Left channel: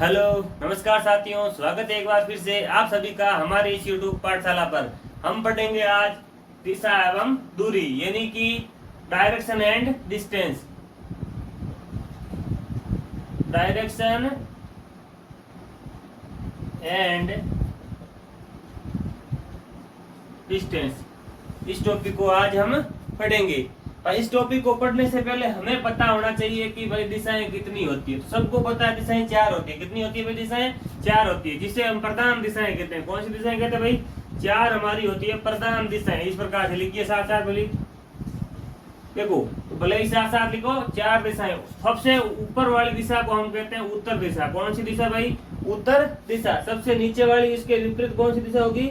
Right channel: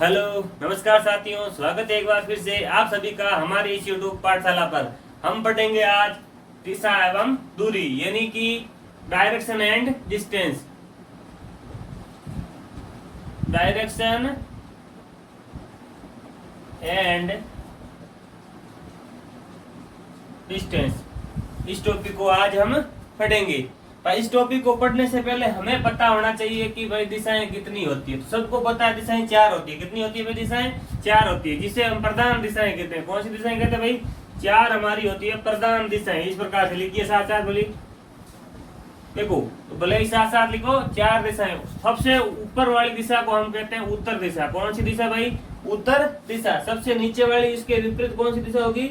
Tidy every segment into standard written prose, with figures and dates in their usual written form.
Hello नमस्कार साथियों, स्वागत है एक बार फिर से आप सभी का हमारे इस यूट्यूब पाठशाला पर। हम पढ़ेंगे आज दिशा एवं दूरी यानी कि direction and distance. Direction and distance इस टॉपिक को आज हम पढ़ेंगे। पर इस टॉपिक को पढ़ने से पहले हमें पता होना चाहिए कि भाई दिशाएं कितनी होती है। तो सबको पता है दिशाएं 4 होती है। कितनी होती है भाई? दिशाएं 4 होती है, जिसे हम प्रधान दिशाएं कहते हैं। कौन सी दिशाएं कहते हैं भाई? 4 हमारी होती है प्रधान दिशाएं। इस प्रकार से लिखिए साथ साथ बोली, देखो तो भले ही साथ साथ लिखो। 4 दिशाएं। सबसे ऊपर वाली दिशा को हम कहते हैं उत्तर दिशा। कौन सी दिशा भाई? उत्तर दिशा। सबसे नीचे वाली इसके विपरीत कौन सी दिशा होगी?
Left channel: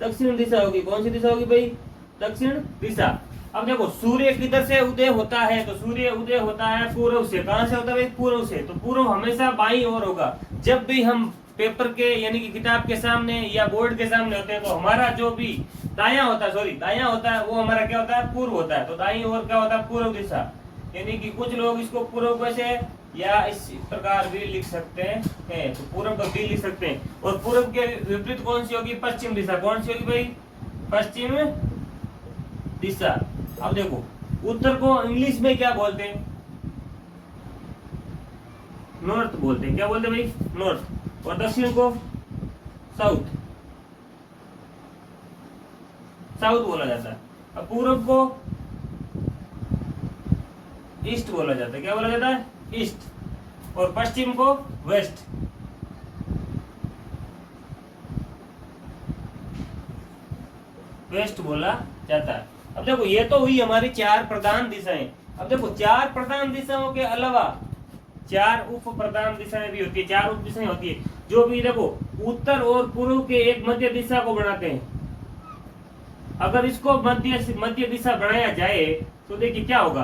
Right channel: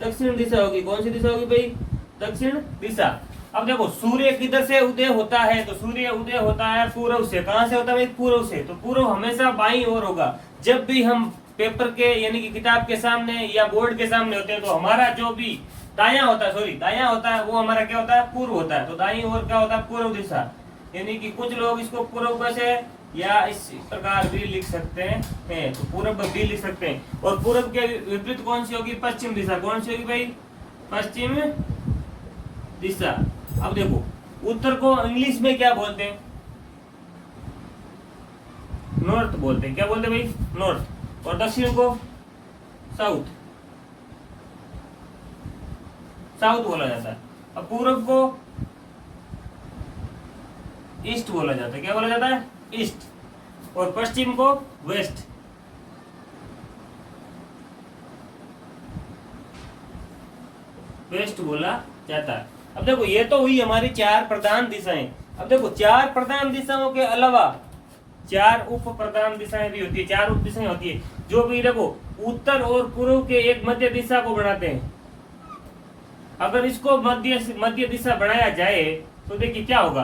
दक्षिण दिशा होगी। कौन सी दिशा होगी भाई? दक्षिण दिशा। अब देखो सूर्य किधर से उदय होता है? तो सूर्य उदय होता है पूर्व से। कहां से होता है भाई? पूर्व से। तो पूर्व हमेशा बाईं ओर होगा। जब भी हम पेपर के यानी कि किताब के सामने या बोर्ड के सामने होते हैं तो हमारा जो भी दायां होता है वो हमारा क्या होता है? पूर्व होता है। तो दाईं ओर क्या होता है? पूर्व दिशा। यानी कि कुछ लोग इसको पूर्व से या इस प्रकार भी लिख सकते हैं, तो पूर्व भी लिख सकते हैं। और पूर्व के विपरीत कौन सी होगी? पश्चिम दिशा। कौन सी होगी भाई? पश्चिम दिशा। अब देखो उत्तर को इंग्लिश में क्या बोलते हैं? नॉर्थ बोलते हैं। क्या बोलते हैं भाई? नॉर्थ। और दक्षिण को साउथ। साउथ बोला जाता है। अब पूर्व को ईस्ट बोला जाता है। क्या बोला जाता है? ईस्ट। और पश्चिम को वेस्ट। वेस्ट बोला जाता है। अब देखो ये तो हुई हमारी 4 प्रधान दिशाएं। अब देखो 4 प्रधान दिशाओं के अलावा 4 उप प्रधान दिशाएं भी होती है। 4 उप दिशाएं होती है जो भी देखो उत्तर और पूर्व के एक मध्य दिशा को बनाते हैं। अगर इसको मध्य दिशा बनाया जाए तो देखिए क्या होगा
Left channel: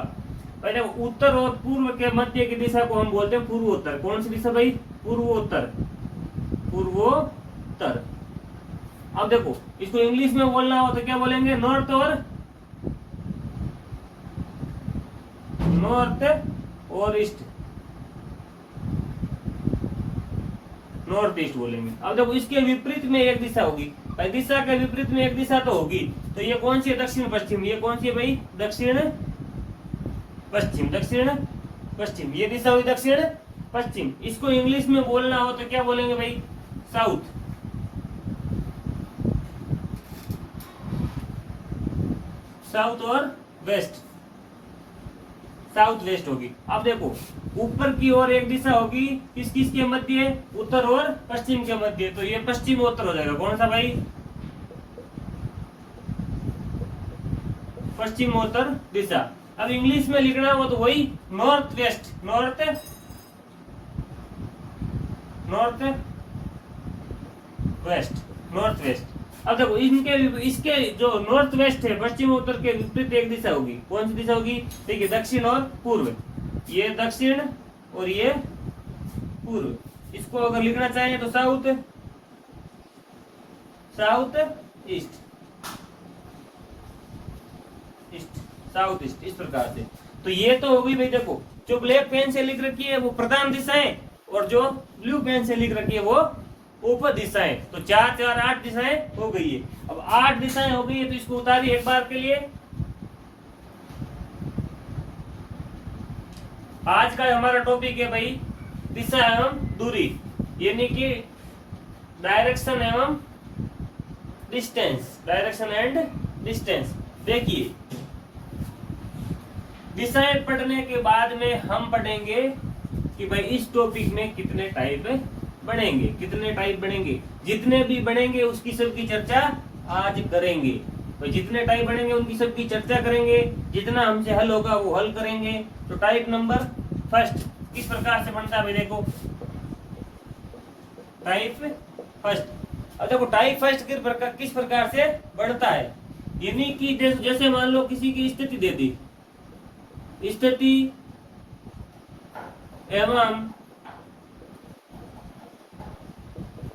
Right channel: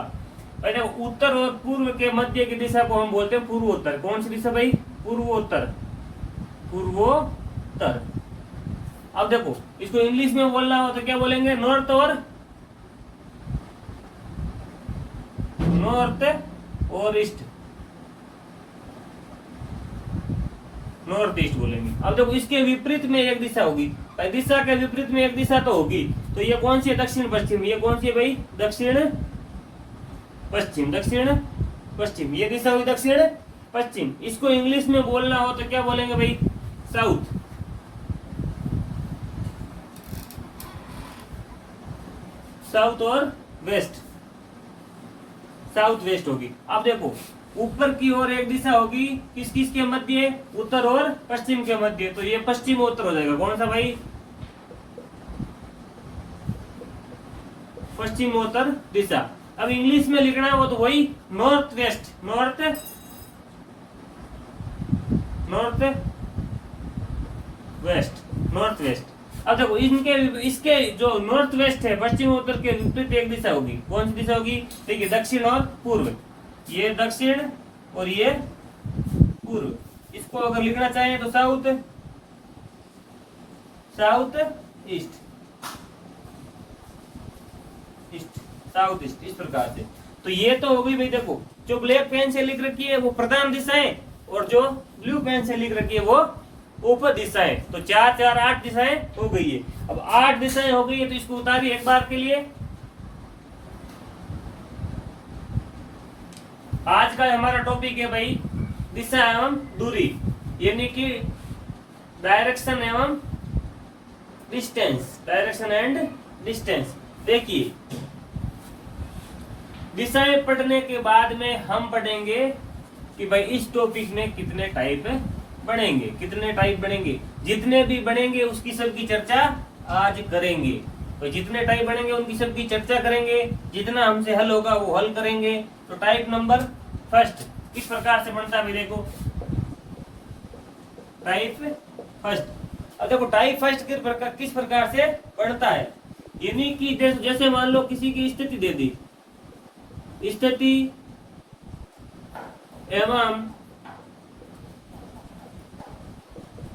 भाई। देखो उत्तर और पूर्व के मध्य की दिशा को हम बोलते हैं पूर्वोत्तर। कौन सी दिशा भाई? पूर्वोत्तर। पूर्वोत्तर। अब देखो इसको इंग्लिश में बोलना हो तो क्या बोलेंगे? नॉर्थ और ईस्ट। नॉर्थ ईस्ट बोलेंगे। अब देखो इसके विपरीत में एक दिशा होगी भाई। दिशा के विपरीत में एक दिशा तो होगी। तो ये कौन सी है? दक्षिण पश्चिम। ये कौन सी है भाई? दक्षिण पश्चिम। दक्षिण पश्चिम ये दिशा हुई दक्षिण पश्चिम। इसको इंग्लिश में बोलना हो तो क्या बोलेंगे भाई? साउथ। साउथ और वेस्ट। साउथ वेस्ट होगी। अब देखो ऊपर की ओर एक दिशा होगी किस किस के मध्य? उत्तर और पश्चिम के मध्य। तो ये पश्चिमोत्तर हो जाएगा। कौन सा भाई? पश्चिमोत्तर दिशा। अब इंग्लिश में लिखना हो तो वही नॉर्थ वेस्ट। North west. अब देखो इसके जो नॉर्थ वेस्ट है पश्चिम उत्तर के विपरीत एक दिशा होगी। कौन सी दिशा होगी? देखिए दक्षिण और पूर्व। ये दक्षिण और ये पूर्व। इसको अगर लिखना चाहें तो साउथ ईस्ट। साउथ ईस्ट इस प्रकार से। तो ये तो हो गई भाई। देखो जो ब्लैक पेन से लिख रखी है वो प्रधान दिशाएं और जो ब्लू पेन से लिख रखी है वो उप दिशाएं। तो 4 4 8 दिशाएं हो गई है। अब 8 दिशाएं हो गई है तो इसको उतारिए एक बार के लिए। आज का हमारा टॉपिक है भाई दिशा एवं दूरी यानी कि डायरेक्शन एवं डिस्टेंस। Direction and distance. देखिए दिशाएं पढ़ने के बाद में हम पढ़ेंगे कि भाई इस टॉपिक में कितने टाइप बनेंगे। कितने टाइप बनेंगे? जितने भी बनेंगे उसकी सबकी चर्चा आज करेंगे। तो जितने टाइप बनेंगे उनकी सबकी चर्चा करेंगे। जितना हमसे हल होगा वो हल करेंगे। तो टाइप नंबर फर्स्ट किस प्रकार से बनता है? देखो टाइप फर्स्ट। अब देखो टाइप फर्स्ट किस प्रकार से बनता है। यानी कि जैसे मान लो किसी की स्थिति दे दी, स्थिति एवं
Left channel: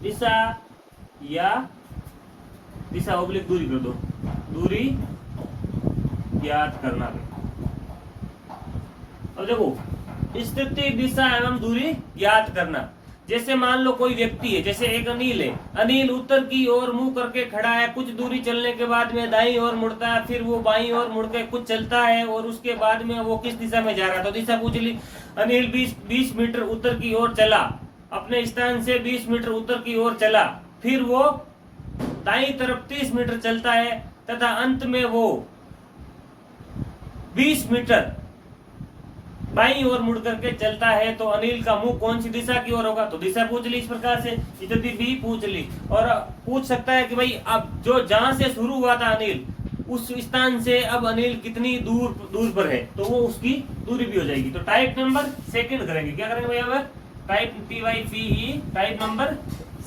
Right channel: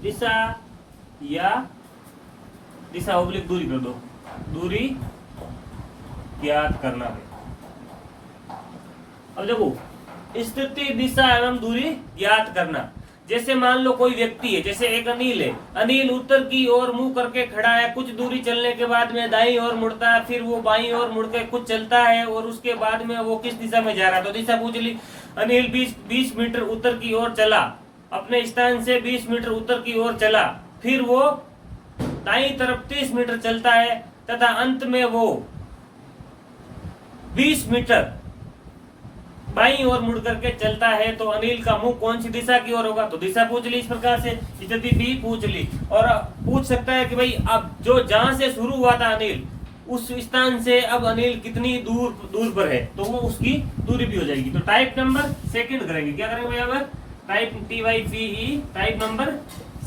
दिशा या दिशा ओब्लिक दूरी कर दो। दूरी ज्ञात करना है। अब देखो स्थिति दिशा एवं दूरी ज्ञात करना। जैसे मान लो कोई व्यक्ति है, जैसे एक अनिल है, अनिल उत्तर की ओर मुंह करके खड़ा है, कुछ दूरी चलने के बाद में दाईं ओर मुड़ता है, फिर वो बाईं ओर मुड़ के कुछ चलता है और उसके बाद में वो किस दिशा में जा रहा है, तो दिशा पूछ ली। अनिल 20 मीटर उत्तर की ओर चला, अपने स्थान से 20 मीटर उत्तर की ओर चला, फिर वो दाईं तरफ 30 मीटर चलता है तथा अंत में वो 20 मीटर बाईं ओर मुड़ करके चलता है, तो अनिल का मुंह कौन सी दिशा की ओर होगा, तो दिशा पूछ ली। इस प्रकार से स्थिति भी पूछ ली। और पूछ सकता है कि भाई अब जो जहां से शुरू हुआ था अनिल, उस स्थान से अब अनिल कितनी दूर पर है, तो वो उसकी दूरी भी हो जाएगी। तो टाइप नंबर सेकंड करेंगे, क्या करेंगे भैया, type TYPE, type number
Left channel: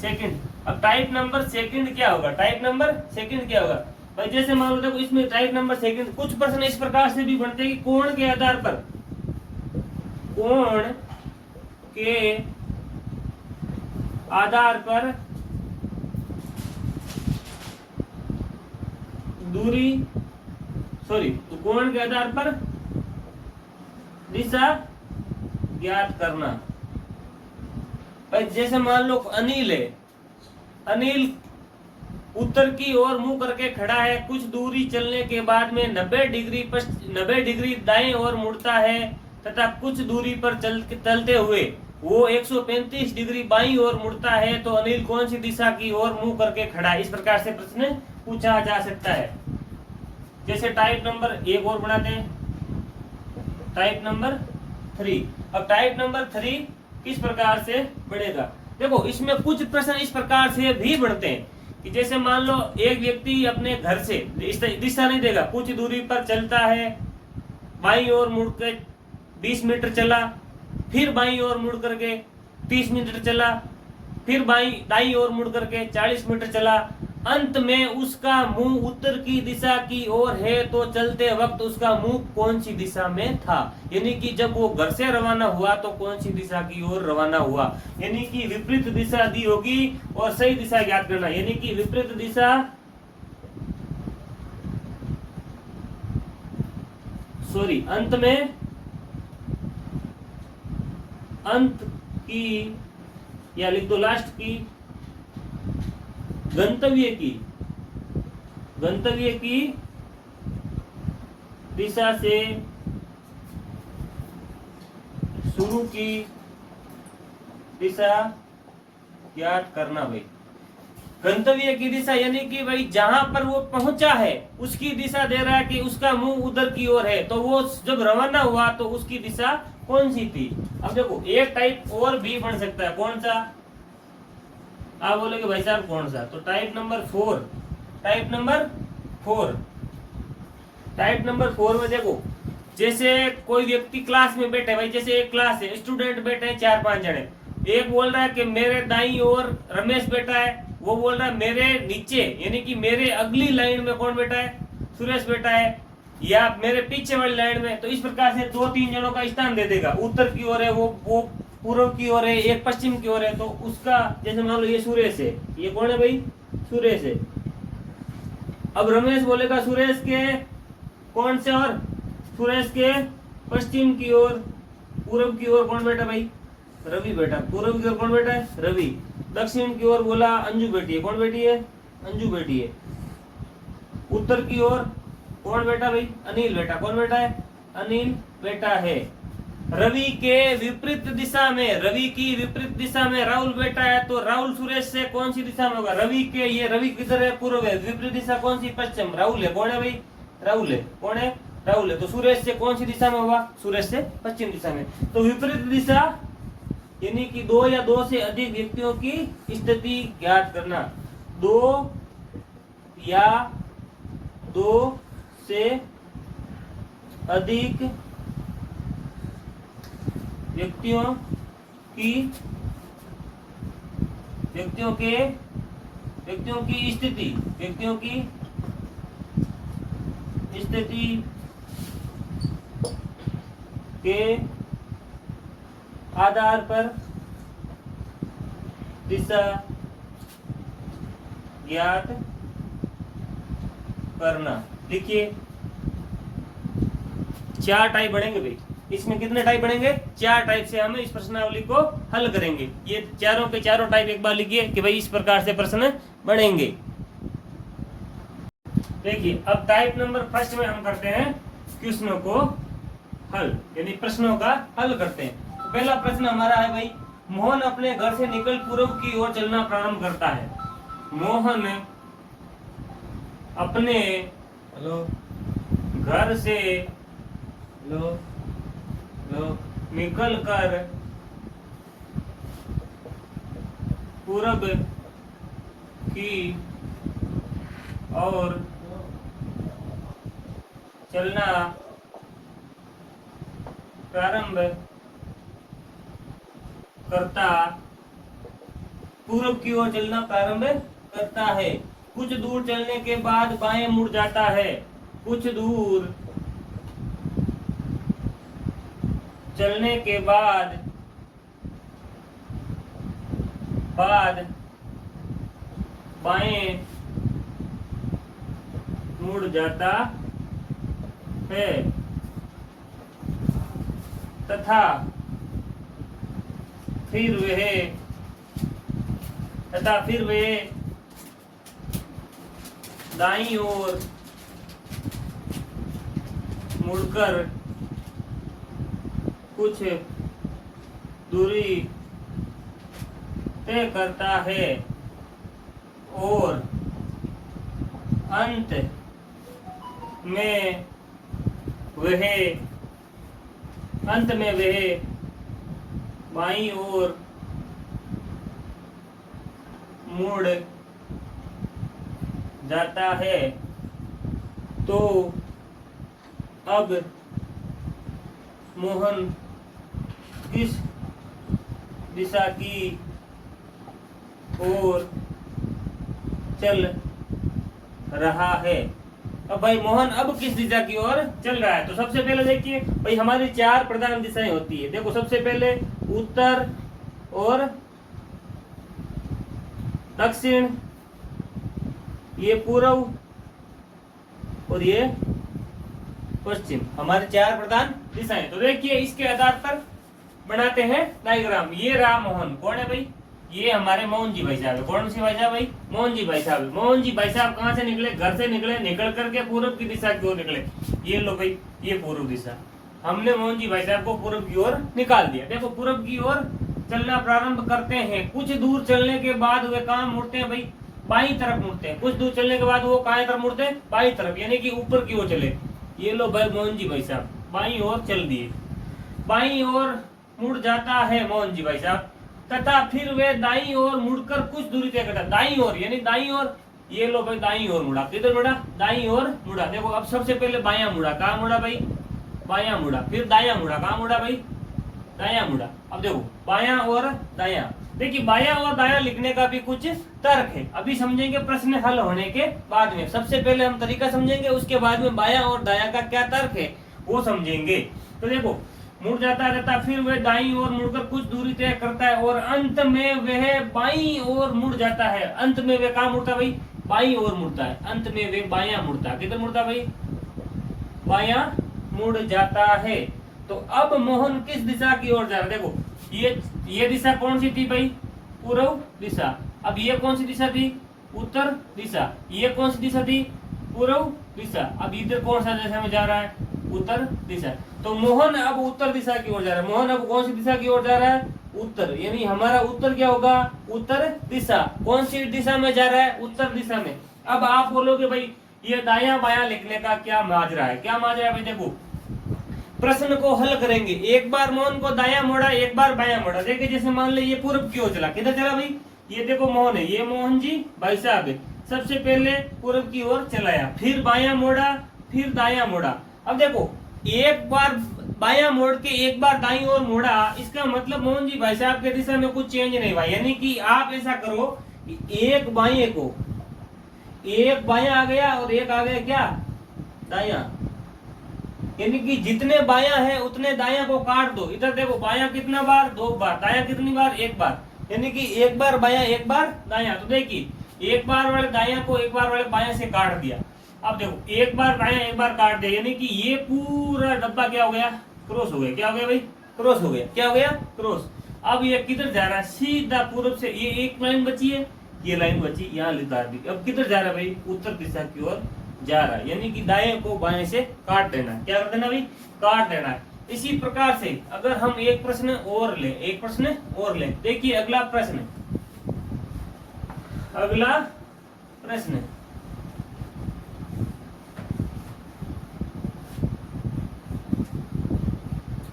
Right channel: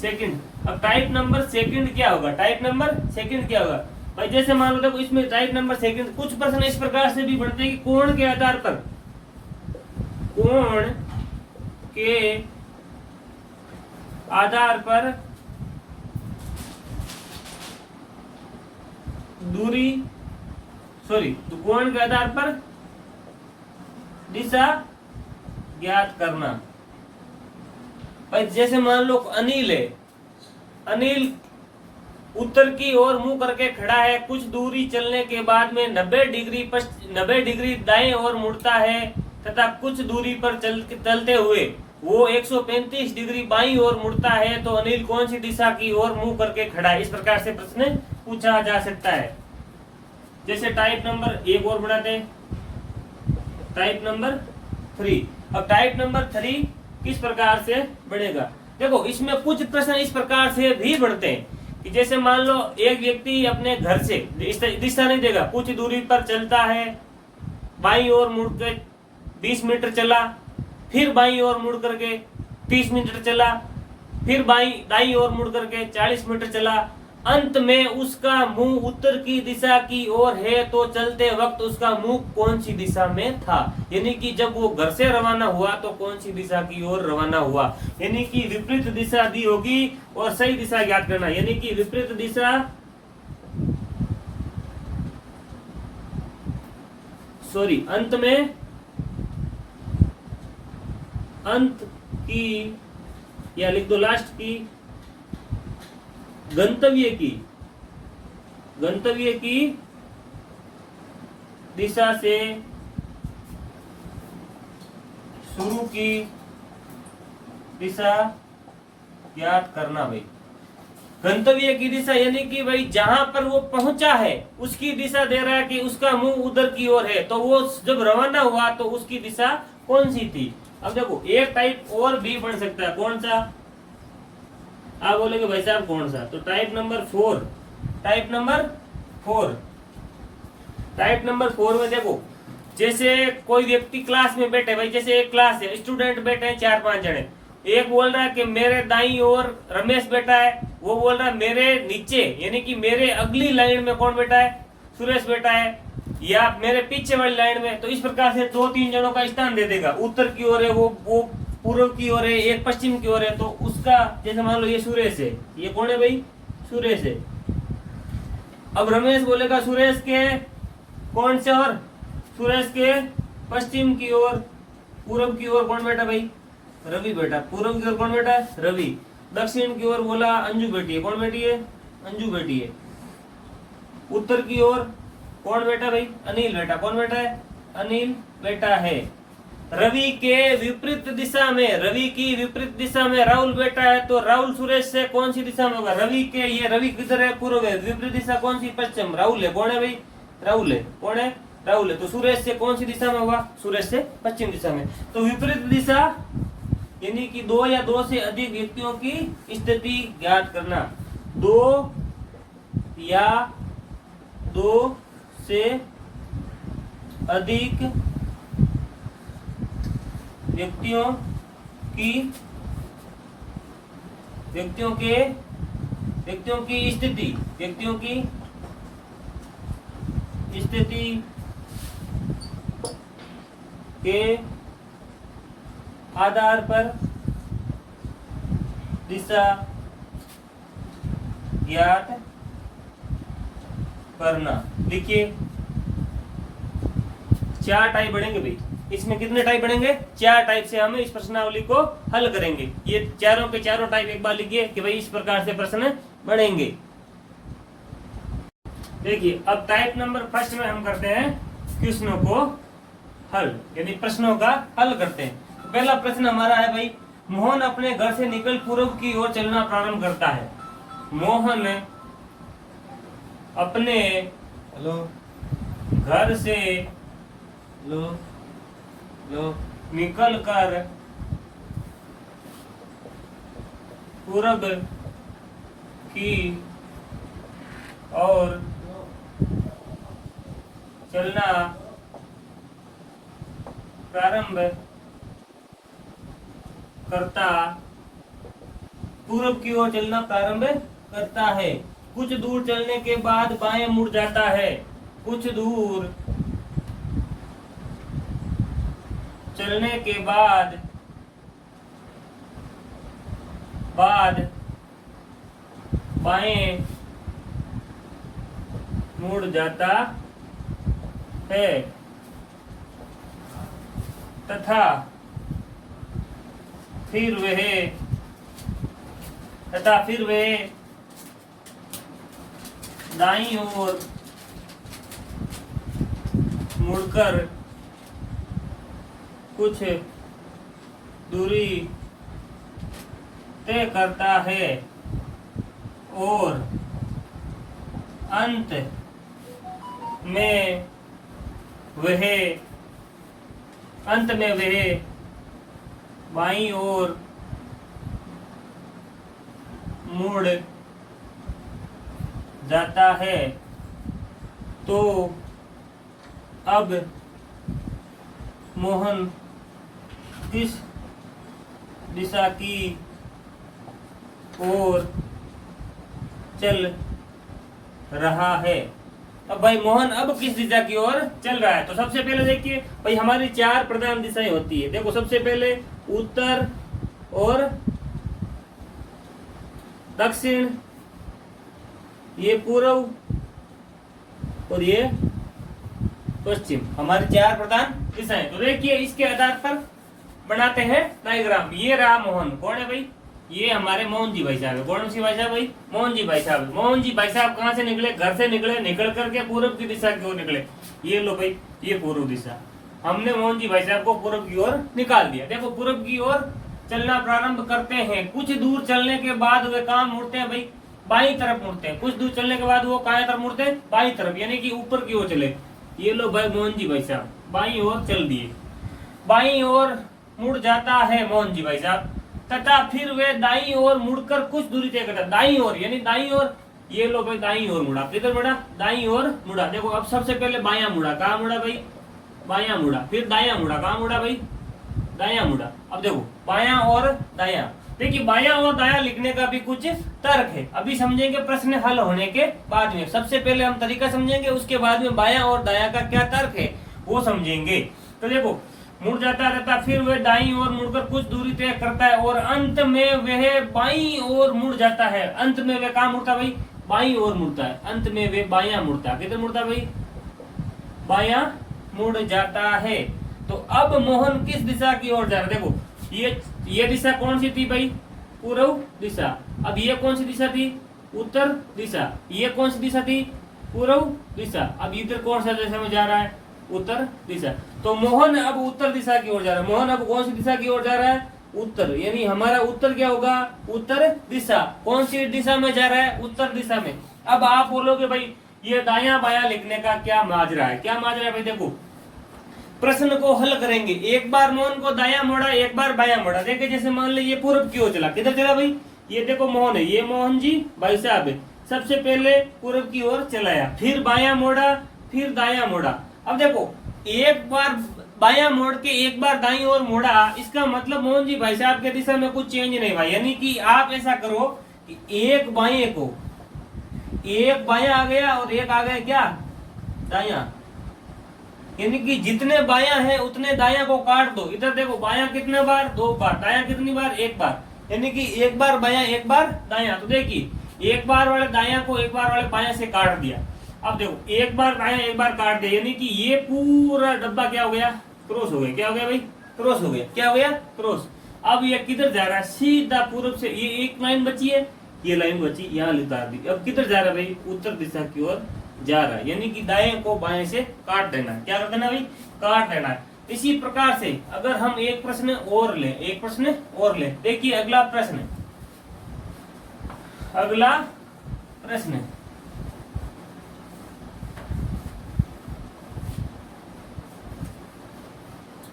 second. अब टाइप नंबर सेकंड क्या होगा, टाइप नंबर सेकंड क्या होगा भाई, जैसे मान लो देखो इसमें टाइप नंबर सेकंड कुछ प्रश्न इस प्रकार से भी बनते हैं कि कोण के आधार पर, कोण के आधार पर दूरी, तो कोण के आधार पर दिशा ज्ञात करना। भाई जैसे मान लो अनिल है, अनिल उत्तर की ओर मुंह करके खड़ा है, कुछ दूरी चलने के बाद में 90 डिग्री दाएं ओर मुड़ता है तथा कुछ दूरी पर चलते हुए वो 135 डिग्री बाईं ओर मुड़ता है, तो अनिल कौन सी दिशा की ओर मुंह करके खड़ा है। इस प्रकार से प्रश्न पूछा जा सकता है। जैसे टाइप नंबर एक और बनाते हैं, टाइप नंबर 3। अब टाइप नंबर 3 किस प्रकार से बढ़ेगा, देखो इसमें कुछ प्रश्न इस प्रकार से भी बढ़ते हैं कि जैसे मान लो एक व्यक्ति अपने घर से दिशा नहीं देगा, कुछ दूरी पर चलता है, बाईं ओर मुड़ के 20 मीटर चला, फिर बाईं ओर मुड़ करके 30 मीटर चला, फिर दाईं ओर मुड़ करके 40 मीटर चला, अंत में उसका मुंह उत्तर की दिशा की ओर है, तो चलते वक्त उसका मुंह कौन सी दिशा में था, यानी कि जब वो घर से रवाना हुआ तो कौन सी दिशा की ओर रवाना हुआ, यानी कि विपरीत दिशा दी होगी और सही दिशा ज्ञात करना, यानी कि विपरीत दिशा, अंत की, या लिख दो लास्ट की, गंतव्य की दिशा से शुरू की दिशा ज्ञात करना। भाई गंतव्य की दिशा यानी कि भाई जहां पर वो पहुंचा है उसकी दिशा दे रहा है कि उसका मुंह उधर की ओर है, तो वो जब रवाना हुआ तो उसकी दिशा कौन सी थी। अब देखो एक टाइप और भी बन सकता है, कौन सा, आप बोलेगे भाई साहब कौन सा, तो टाइप नंबर 4, टाइप नंबर 4 में देखो जैसे कोई व्यक्ति क्लास में बैठे, भाई जैसे एक क्लास है, स्टूडेंट बैठे हैं 4-5 जने, एक बोल रहा है कि मेरे दाईं ओर रमेश बैठा है, वो बोल रहा है मेरे नीचे यानी कि मेरे अगली लाइन में कौन बैठा है, सुरेश बैठा है, या मेरे पीछे वाली लाइन में। तो इस प्रकार से 2-3 जनों का स्थान दे देगा, उत्तर की ओर है वो पूर्व की ओर है, एक पश्चिम की ओर है, तो उसका जैसे मान लो ये सुरेश है, ये कौन है भाई, सुरेश है। अब रमेश बोलेगा सुरेश के कौन से और, सुरेश के पश्चिम की ओर, पूर्व की ओर कौन बैठा भाई, रवि बैठा, पूर्व की ओर कौन बैठा है, रवि, दक्षिण की ओर बोला अंजू बैठी है, कौन बैठी है, अंजू बैठी है, उत्तर की ओर कौन बैठा भाई, अनिल बैठा, कौन बैठा है, अनिल बैठा है। रवि के विपरीत दिशा में, रवि की विपरीत दिशा में राहुल बैठा है, तो राहुल सुरेश से कौन सी दिशा में होगा, रवि के, ये रवि किधर है, पूर्व है, विपरीत दिशा कौन सी, पश्चिम, राहुल है, कौन है भाई, राहुल है, कौन है, राहुल है, तो सुरेश से कौन सी दिशा में होगा, सुरेश से पश्चिम दिशा में। तो विपरीत दिशा यानी कि 2 या 2 से अधिक व्यक्तियों की स्थिति ज्ञात करना, 2 या 2 से अधिक व्यक्तियों की स्थिति के आधार पर दिशा ज्ञात करना। देखिए 4 टाइप बढ़ेंगे भाई, इसमें कितने टाइप बनेंगे? 4 टाइप से हम इस प्रश्नावली को हल करेंगे। ये चारों के चारों टाइप एक बार लिखिए कि भाई इस प्रकार से प्रश्न बनेंगे। देखिए अब टाइप नंबर फर्स्ट में हम करते हैं क्वेश्चनों को हल, यानी प्रश्नों का हल करते हैं। तो पहला प्रश्न हमारा है भाई, मोहन अपने घर से निकल पूर्व की ओर चलना प्रारंभ करता है। मोहन अपने घर से निकल कर पूरब की ओर चलना प्रारंभ करता, पूरब की ओर चलना प्रारंभ करता है। कुछ दूर चलने के बाद बाएं मुड़ जाता है। कुछ दूर चलने के बाद बाएं मुड़ जाता है तथा फिर वह दाईं ओर मुड़कर कुछ दूरी तय करता है और अंत में वह बाईं ओर मुड़ जाता है। तो अब मोहन किस दिशा की ओर चल रहा है? अब भाई मोहन अब किस दिशा की ओर चल रहा है? तो सबसे पहले देखिए भाई हमारी 4 प्रधान दिशाएं होती है। देखो सबसे पहले उत्तर और दक्षिण, ये पूर्व और ये पश्चिम, हमारी 4 प्रधान दिशाएं। तो देखिए इसके आधार पर बनाते हैं डायग्राम। ये रहा मोहन, कौन है भाई? ये हमारे मोहन जी भाई साहब है। कौन सी भाई साहब भाई? मोहन जी भाई साहब। मोहन जी भाई साहब कहाँ से निकले? घर से निकले, निकल करके पूर्व की दिशा की ओर निकले। ये लो भाई, ये पूर्व दिशा। हमने मोहन जी भाई साहब को पूर्व की ओर निकाल दिया। देखो पूर्व की ओर चलना प्रारंभ करते हैं। कुछ दूर चलने के बाद वे कहाँ मुड़ते हैं भाई? बाईं तरफ मुड़ते हैं। कुछ दूर चलने के बाद वो कहाँ तरफ मुड़ते हैं? बाईं तरफ, यानी कि ऊपर की ओर चले। ये लो भाई मोहन जी भाई साहब बाईं ओर चल दिए। बाईं ओर मुड़ जाता है मोहन जी भाई साहब, तथा फिर वे दाईं ओर मुड़कर कुछ दूरी तय करता। दाईं ओर यानी दाईं ओर, ये लो भाई दाईं ओर मुड़ा। किधर मुड़ा? दाईं ओर मुड़ा। देखो अब सबसे पहले बायां मुड़ा। कहाँ मुड़ा भाई? बायां मुड़ा। फिर दायां मुड़ा। कहाँ मुड़ा भाई? दायां मुड़ा। अब देखो बायां और दायां। देखिए बायां और दायां लिखने का भी कुछ तर्क है, अभी समझेंगे प्रश्न हल होने के बाद में। सबसे पहले हम तरीका समझेंगे, उसके बाद में बायां और दायां का क्या तर्क है वो समझेंगे। तो देखो मुड़ जाता रहता, फिर वह दाईं ओर मुड़कर कुछ दूरी तय करता है और अंत में वह बाईं ओर मुड़ जाता है। अंत में वह कहाँ मुड़ता भाई? बाईं ओर मुड़ता है। अंत में वह बायां मुड़ता है। किधर मुड़ता भाई? बायां मुड़ जाता है। तो अब मोहन किस दिशा की ओर जा रहा है? देखो ये दिशा कौन सी थी भाई? पूर्व दिशा। अब ये कौन सी दिशा थी? उत्तर दिशा। ये कौन सी दिशा थी? पूर्व दिशा। अब इधर कौन सा दिशा में जा रहा है? उत्तर दिशा। तो मोहन अब उत्तर दिशा की ओर जा रहा है। मोहन अब कौन सी दिशा की ओर जा रहा है? उत्तर, यानी हमारा उत्तर क्या होगा? उत्तर दिशा। कौन सी दिशा में जा रहा है? उत्तर दिशा में। अब आप बोलोगे भाई ये दायां बायां लिखने का क्या माजरा है? क्या माजरा है भाई? देखो प्रश्न को हल करेंगे। एक बार मोहन को दायां मोड़ा, एक बार बायां मोड़ा। देखिए जैसे मान लीजिए ये पूर्व की ओर चला। किधर चला भाई? ये देखो मोहन है, ये मोहन जी भाई साहब है। सबसे पहले पूर्व की ओर चलाया, फिर बायां मोड़ा, फिर दायां मोड़ा। अब देखो एक बार बायां मोड़ के एक बार दाईं ओर मोड़ा, इसका मतलब मोहन जी भाई साहब के दिशा में कुछ चेंज नहीं हुआ। यानी कि आप ऐसा करो कि एक बाएं को, एक बायां आ गया और एक आ गया क्या? दायां। यानी कि जितने बायां हैं उतने दायां को काट दो। इधर देखो बायां कितना बार? 2 बार। दायां कितनी बार? 1 बार। यानी कि एक बार बायां एक बार दायां। तो देखिए एक बार वाले दायां को एक बार वाले बायां से काट दिया। अब देखो एक बार दायां एक बार काट दिया, यानी कि ये पूरा डब्बा क्या हो गया? क्रॉस हो गया। क्या हो गया भाई? क्रॉस हो गया। क्या हो गया? क्रॉस। अब ये किधर जा रहा है? सीधा पूरब से। ये एक लाइन बची है, ये लाइन बची, यहाँ उतार दी। अब किधर जा रहा है भाई? उत्तर दिशा की ओर जा रहा है, यानी कि दाएं को बाएं से काट देना है। क्या कर देना भाई? काट देना है। इसी प्रकार से अगर हम एक प्रश्न और ले, एक प्रश्न और ले, देखिए अगला प्रश्न, अगला प्रश्न,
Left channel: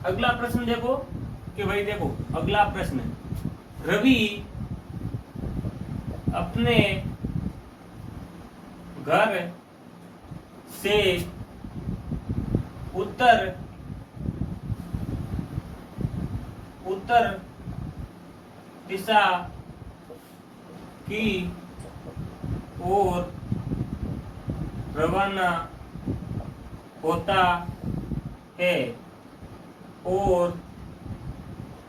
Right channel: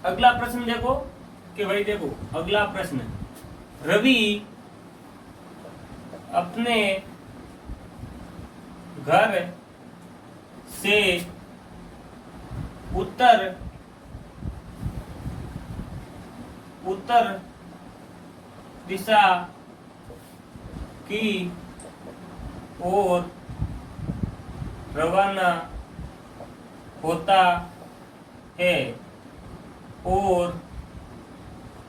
अगला प्रश्न देखो कि भाई देखो अगला प्रश्न, रवि अपने घर से उत्तर दिशा की ओर रवाना होता है और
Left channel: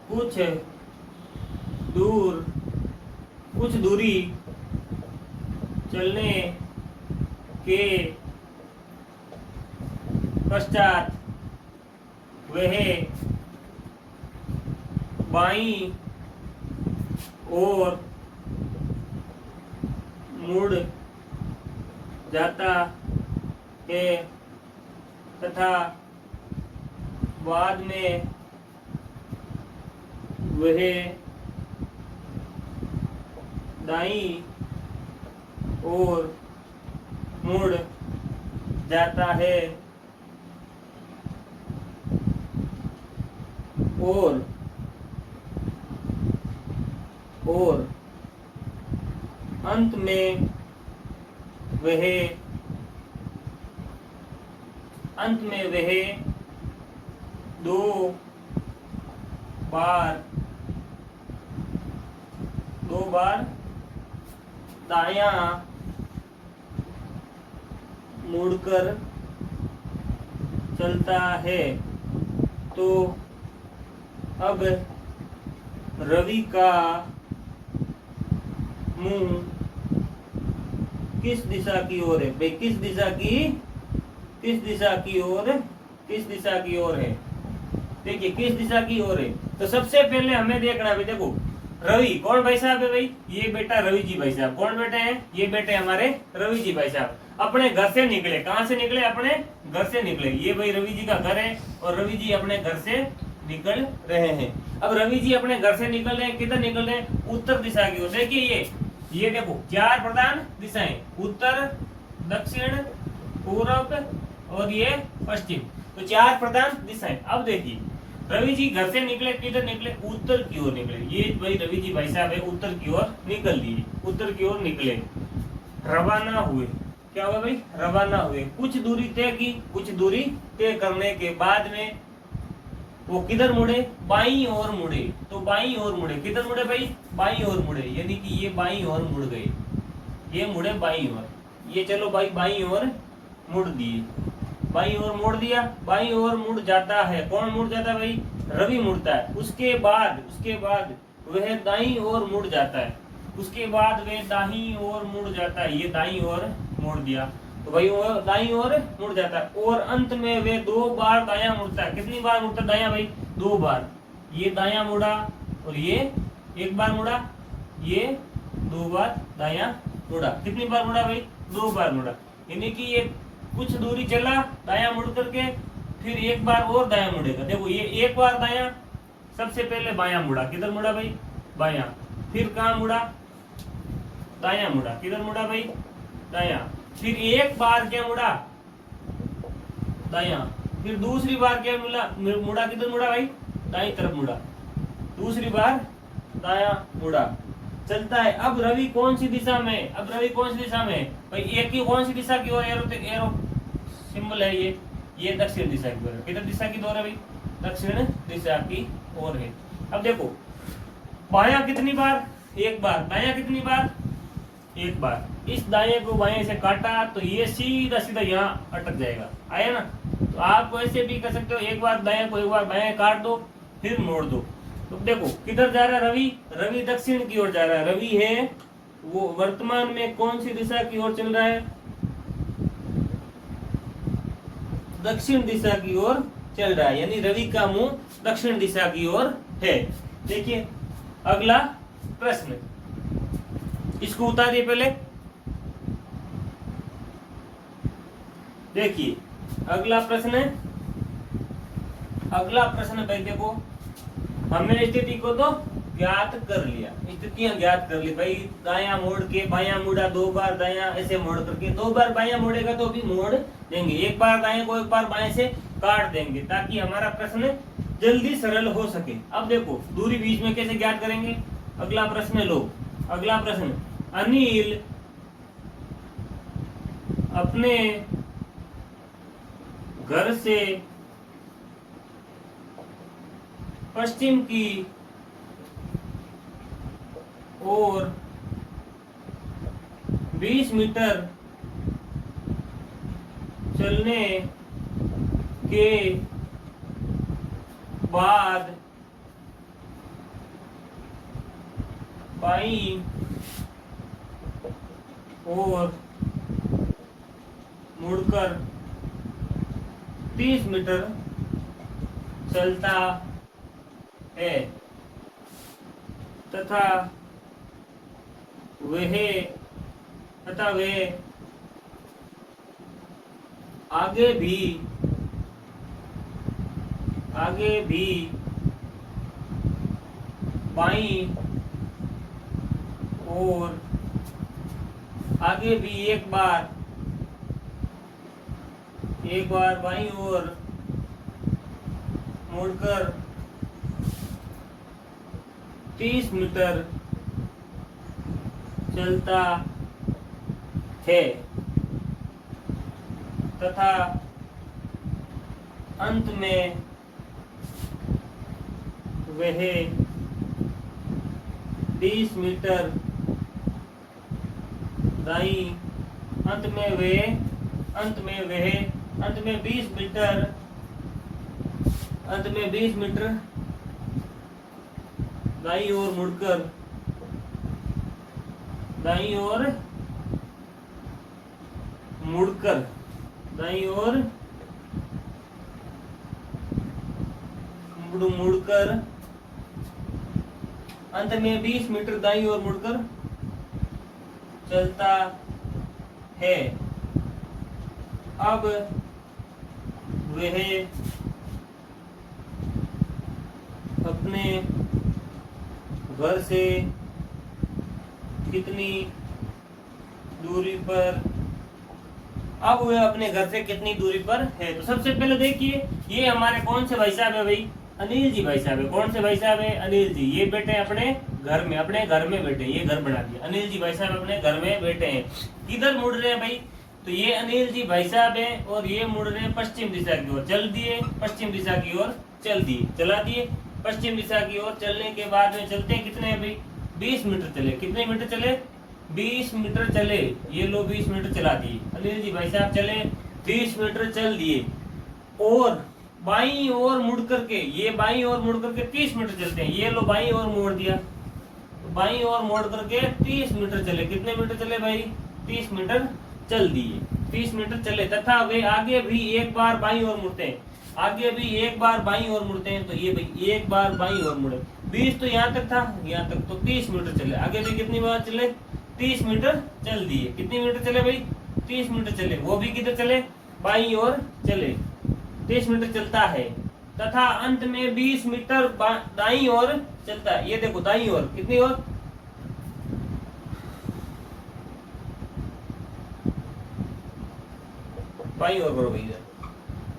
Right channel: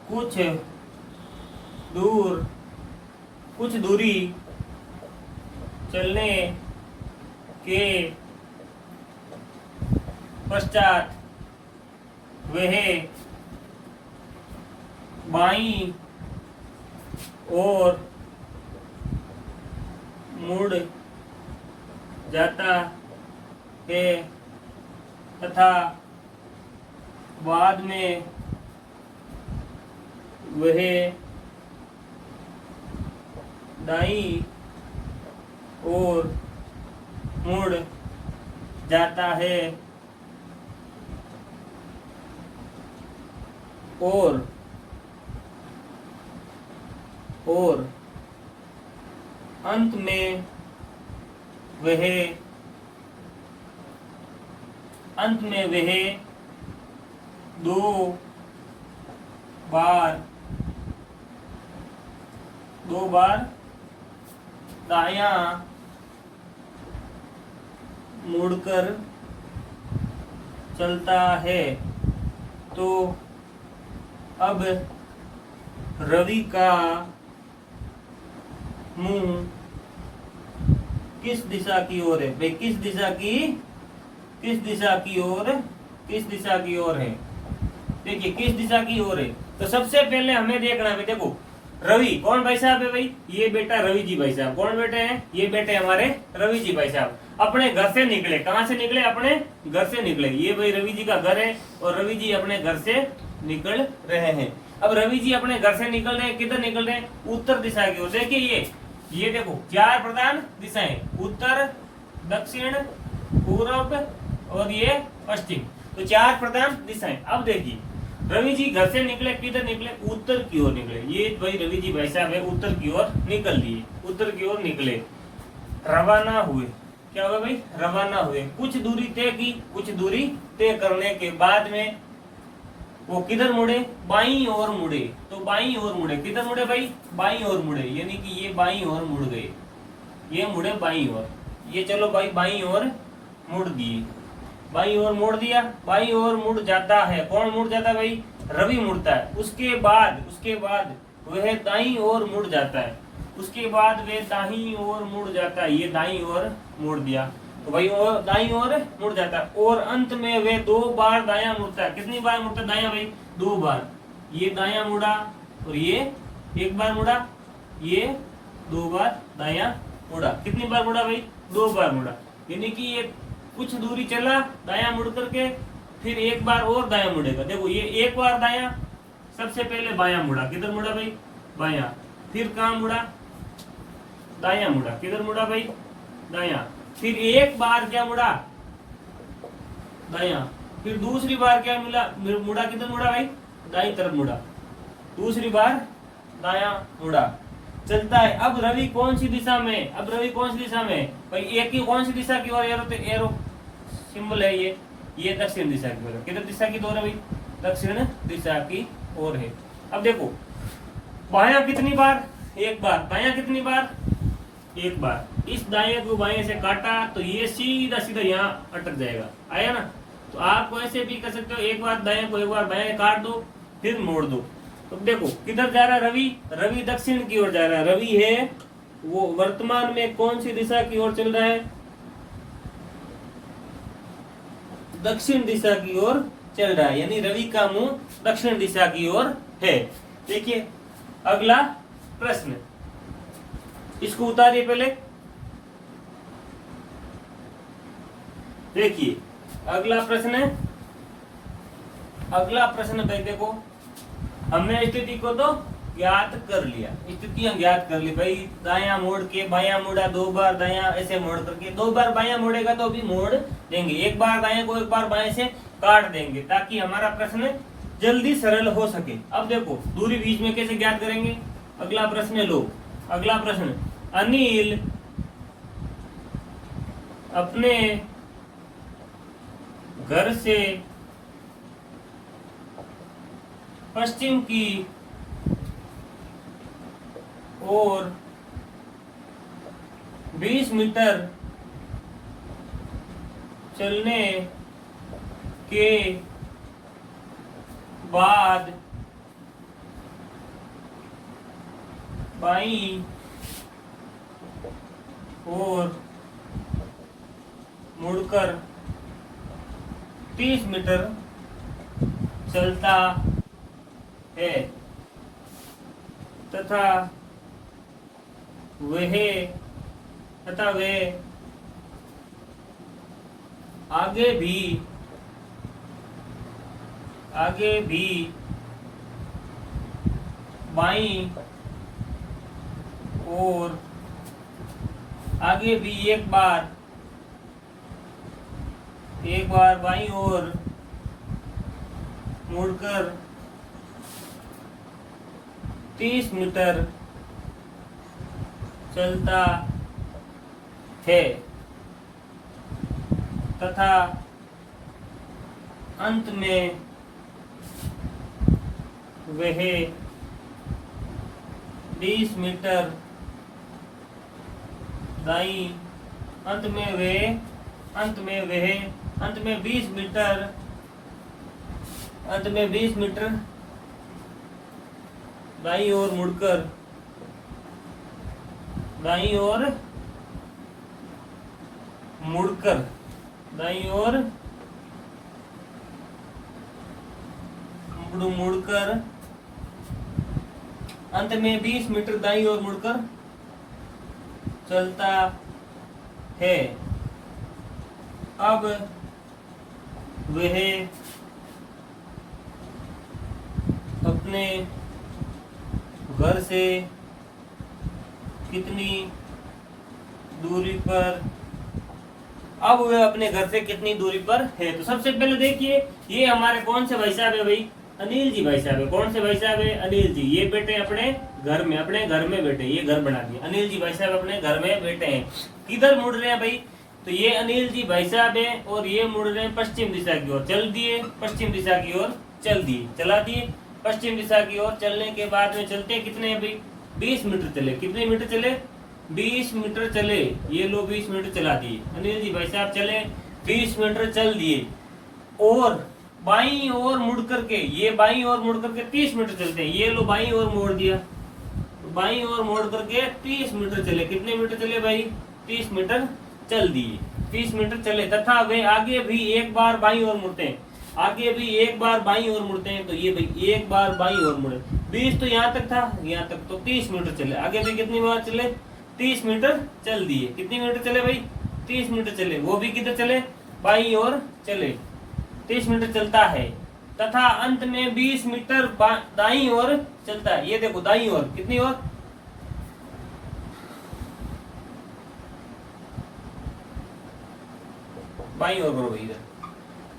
कुछ दूरी चलने के पश्चात वह बाईं ओर मुड़ जाता है तथा बाद में वह दाईं ओर मुड़ जाता है और अंत में वह दो बार दायां मुड़कर चलता है। तो अब रवि का मुंह किस दिशा की ओर है भाई? किस दिशा की ओर है? देखिए किस दिशा की ओर है। तो सबसे पहले हमें देखना है, देखो रवि कौन भाई साहब है भाई? ये बेटा रवि जी भाई साहब। कौन बेटे हैं? ये बेटे हमारे रवि जी भाई साहब। अपने घर से निकले। कहां से निकले? अपने घर से निकले। ये भाई रवि जी का घर है और रवि जी अपने घर से निकल रहे हैं। अब रवि जी अपने घर से निकल रहे हैं, किधर निकल रहे हैं? उत्तर दिशा की ओर। देखिए ये देखो चार प्रधान दिशाएं, उत्तर, दक्षिण, पूर्व और ये पश्चिम। तो चार प्रधान दिशाएं। अब देखिए रवि जी घर से निकले, किधर निकले? उत्तर की ओर निकले। ये भाई रवि जी भाई साहब है, उत्तर की ओर निकल लिए, उत्तर की ओर निकले, रवाना हुए। क्या हुआ भाई? रवाना हुए। कुछ दूरी तय की, कुछ दूरी तय करने के बाद में वो किधर मुड़े? बाईं ओर मुड़े। तो बाईं ओर मुड़े, किधर मुड़े भाई? बाईं ओर मुड़े, यानी कि ये बाईं ओर मुड़ गए, ये मुड़े बाईं ओर। ये चलो भाई बाईं ओर मुड़ दिए, बाईं ओर मोड़ दिया। बाईं ओर मुड़ जाता है। कौन मुड़ जाता है भाई? रवि मुड़ता है। उसके बाद वह दाईं ओर मुड़ जाता है। उसके बाद वह दाईं ओर मुड़ जाता है। ये दाईं ओर मुड़ दिया, तो भाई वो दाईं ओर मुड़ जाता है और अंत में वे दो बार दायां मुड़ता है। कितनी बार मुड़ता है दायां भाई? दो बार। ये दायां मुड़ा और ये एक बार मुड़ा, ये दो बार दायां मुड़ा। कितनी बार मुड़ा भाई? दो बार मुड़ा। यानी कि ये कुछ दूरी चला दायां मुड़ करके, फिर एक बार और दायां मुड़ेगा। देखो ये एक बार दायां, सबसे पहले बायां मुड़ा। किधर मुड़ा भाई? बायां। फिर कहाँ मुड़ा? दायां मुड़ा। किधर मुड़ा भाई? दायां। फिर एक बार क्या मुड़ा? दायां। फिर दूसरी बार क्या मुड़ा? किधर मुड़ा भाई? दाईं तरफ मुड़ा। दूसरी बार दायां मुड़ा। चलता है। अब रवि कौन सी दिशा में? अब रवि कौन सी दिशा में भाई? एक ही कौन सी दिशा की ओर एरो सिंबल है ये दक्षिण दिशा की ओर। किधर दिशा की ओर है भाई? दक्षिण दिशा की ओर है। अब देखो बायां कितनी बार? एक बार। दायां कितनी बार? एक बार। इस दाएं को बाएं से काटा तो ये सीधा सीधा यहाँ अटक जाएगा। आया ना? तो आप ऐसे भी कर सकते हो, एक बार दाएं को एक बार बाएं काट दो, फिर मोड़ दो। तो देखो किधर जा रहा है रवि? रवि दक्षिण की ओर जा रहा है। रवि है वो वर्तमान में कौन सी दिशा की ओर चल रहा है? दक्षिण दिशा की ओर चल रहा है, यानी रवि का मुंह दक्षिण दिशा की ओर है। देखिए अगला प्रश्न, इसको उतारिए पहले। देखिए अगला प्रश्न भाई देखो, हमने स्थिति को तो ज्ञात कर लिया, स्थितियां ज्ञात कर ली भाई। दायां मोड़ के बायां मुड़ा, 2 बार दायां ऐसे मोड़ करके, 2 बार बायां मोड़ेगा तो भी मोड़ देंगे, एक बार दाएं को एक बार बाएं से काट देंगे, ताकि हमारा प्रश्न जल्दी सरल हो सके। अब देखो दूरी बीच में कैसे ज्ञात करेंगे। अगला प्रश्न लो, अगला प्रश्न, अनिल अपने घर से पश्चिम की ओर 20 मीटर चलने के बाद बाईं ओर मुड़कर 30 मीटर चलता है तथा वह आगे भी बाईं और आगे भी एक बार बाईं ओर मुड़कर 30 मीटर चलता है तथा अंत में वह 20 मीटर दाईं अंत में 20 मीटर दाईं ओर मुड़कर दाईं ओर मुड़कर अंत में 20 मीटर दाईं ओर मुड़कर चलता है। अब वह अपने घर से कितनी दूरी पर है। तो सबसे पहले देखिए ये हमारे कौन से भाई साहब है भाई, अनिल जी भाई साहब है। कौन से भाई साहब है, अनिल जी। ये बैठे अपने घर में बैठे, ये घर बना दिया। अनिल जी भाई साहब अपने घर में बैठे हैं। किधर मुड़ रहे हैं भाई, तो ये अनिल जी भाई साहब है और ये मुड़ रहे हैं पश्चिम दिशा की ओर। चल दिए पश्चिम दिशा की ओर, चला दिए पश्चिम दिशा की ओर। चलने के बाद में चलते कितने हैं भाई, 20 मीटर चले। कितने मीटर चले, 20 मीटर चले। ये लो 20 मीटर चला दिए अनिल जी भाई साहब, चले 20 मीटर चल दिए। और बाईं ओर मुड़ करके, ये बाईं ओर मुड़ करके 30 मीटर चलते हैं। ये लो बाईं ओर मोड़ दिया, तो बाईं ओर मोड़ करके 30 मीटर चले। कितने मीटर चले भाई, 30 मीटर चल दिए। 30 मीटर चले तथा वे आगे भी एक बार बाईं ओर मुड़ते हैं। तो ये भाई एक बार बाईं ओर मुड़े। 20 तो यहाँ तक था, यहाँ तक तो 30 मीटर चले। आगे भी कितनी बार चले, 30 मीटर चल दिए। कितनी मीटर चले भाई, 30 मीटर चले। वो भी किधर चले, बाईं ओर चले, 30 मीटर चलता है तथा अंत में 20 मीटर दाईं ओर चलता है। ये देखो दाईं ओर, कितनी ओर, बाईं ओर करो भैया।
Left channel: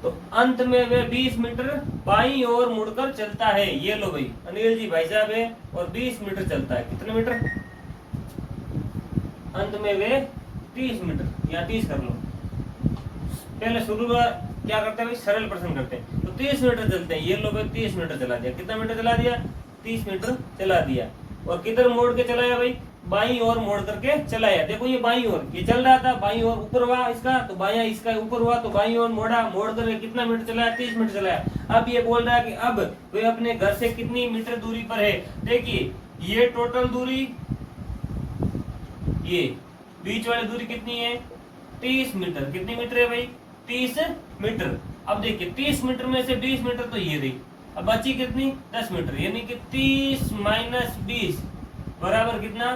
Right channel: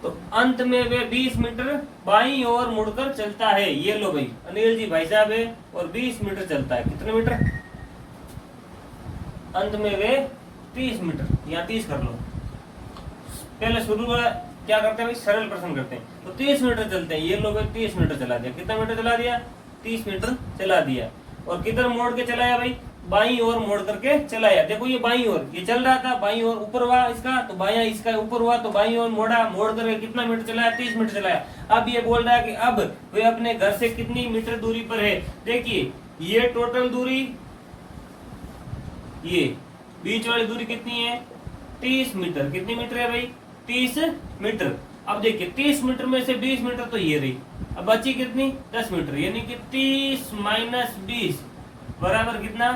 तो अंत में वे 20 मीटर बाईं ओर मुड़कर चलता है। ये लो भाई अनिल जी भाई साहब है और 20 मीटर चलता है। कितने मीटर, अंत में वे 30 मीटर, या 30 कर लो। पहले शुरू में क्या करते हैं भाई, सरल प्रश्न करते हैं। तो 30 मीटर चलते हैं। ये लो भाई 30 मीटर चला दिया। कितना मीटर चला दिया, 30 मीटर चला दिया। और किधर मोड़ के चलाया भाई, बाईं ओर मोड़ करके चलाया। देखो ये बाईं ओर, ये चल रहा था बाईं ओर, ऊपर हुआ इसका तो बायां इसका ऊपर हुआ, तो बाईं ओर मोड़ा, मोड़ करके कितना मीटर चलाया, 30 मीटर चलाया। अब ये बोल रहा है कि अब वे अपने घर से कितनी मीटर दूरी पर है। देखिए ये टोटल दूरी, ये बीच वाली दूरी कितनी है, 30 मीटर। कितनी मीटर है भाई, 30 मीटर। अब देखिए 30 मीटर में से 20 मीटर तो ये रही, अब बची कितनी 10 मीटर, यानी कि 30 माइनस 20 बराबर कितना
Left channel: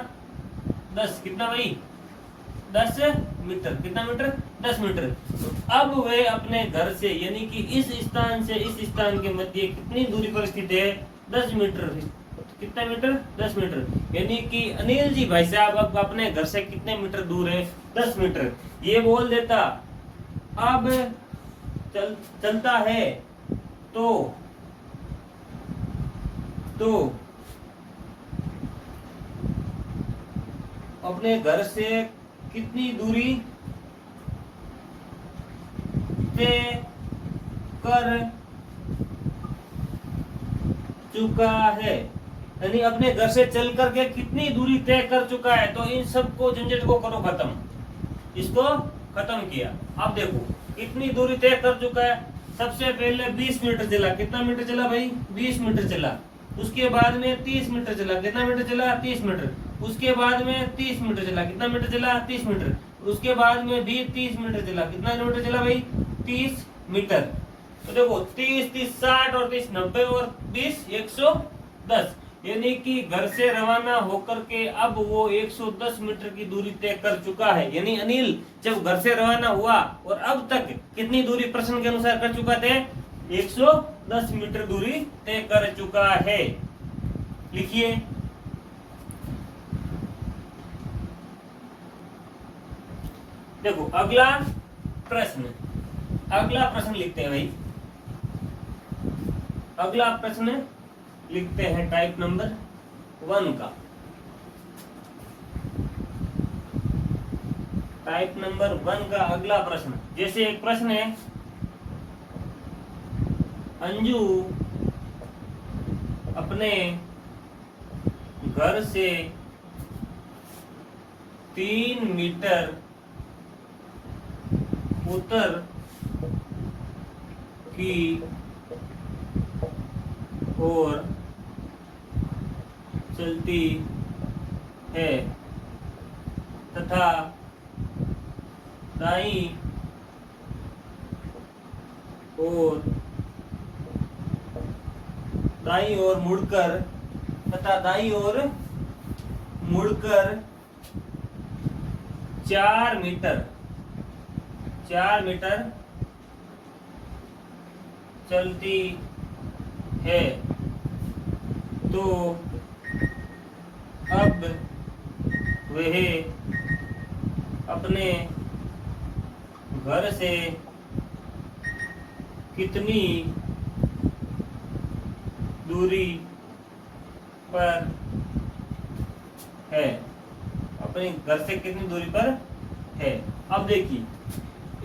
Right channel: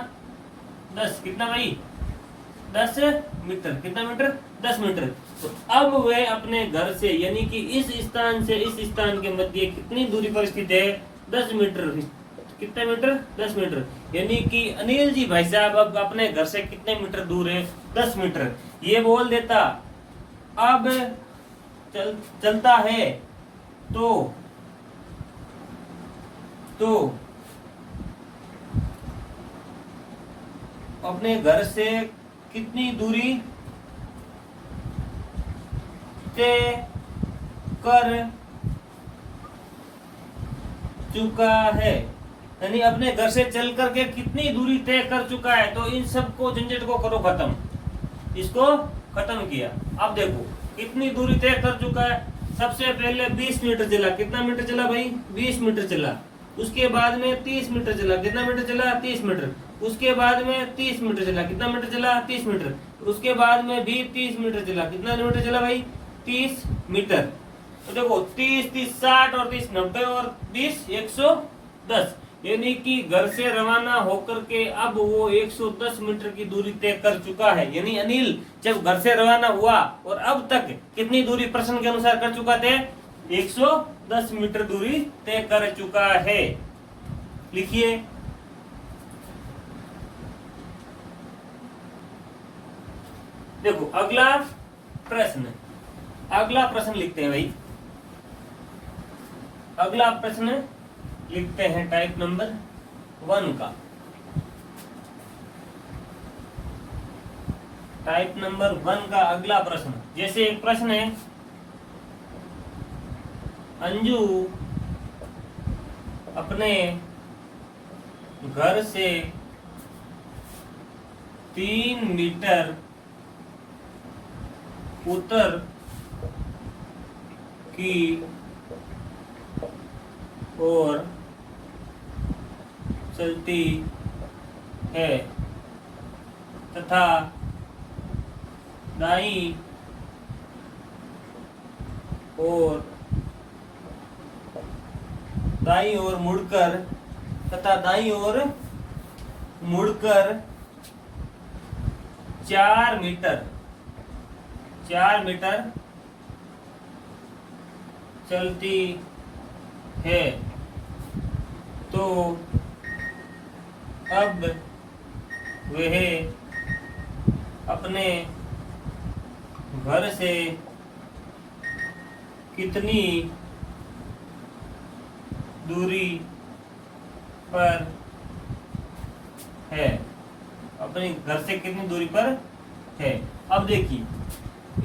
10, कितना भाई 10 मीटर, कितना मीटर 10 मीटर। तो अब वे अपने घर से यानी कि इस स्थान से इस स्थान के मध्य कितनी दूरी पर स्थित है 10 मीटर, कितने मीटर 10 मीटर, यानी कि अनिल जी भाई साहब अब अपने घर से कितने मीटर दूर है 10 मीटर। ये बोल देता अब चलता है तो अपने घर से कितनी दूरी तय कर चुका है, यानी अपने घर से चल करके कितनी दूरी तय कर चुका है। तो इन सब को झंझट को करो खत्म, इसको खत्म किया। अब देखो कितनी दूरी तय कर चुका है, सबसे पहले 20 मीटर चला, कितना मीटर चला भाई 20 मीटर चला, उसके बाद में 30 मीटर चला, कितना मीटर चला 30 मीटर, उसके बाद में 30 मीटर चला, कितना मीटर चला 30 मीटर, उसके बाद में भी 30 मीटर चला, कितना मीटर चला भाई 30 मीटर। तो देखो 30 30 60 और 30 90 और 20 110, यानी कि घर से रवाना होकर के अब वो 110 मीटर की दूरी तय कर चुका है। यानी अनिल जब घर से रवाना हुआ और अब तक कितनी दूरी प्रश्न के अनुसार कर चुका थे 110 मीटर दूरी तय कर चुका है। लिखिए देखो अगला प्रश्न लिखते हैं भाई, अगला प्रश्न लिखते हैं टाइप नंबर 1 का। टाइप नंबर 1 का अगला प्रश्न, जैसे एक प्रश्न है अंजू अपने घर से 3 मीटर उत्तर की ओर चलती है तथा दाईं ओर मुड़कर 4 मीटर चलती है, तो अब वह अपने घर से कितनी दूरी पर है, अपने घर से कितनी दूरी पर है। अब देखिए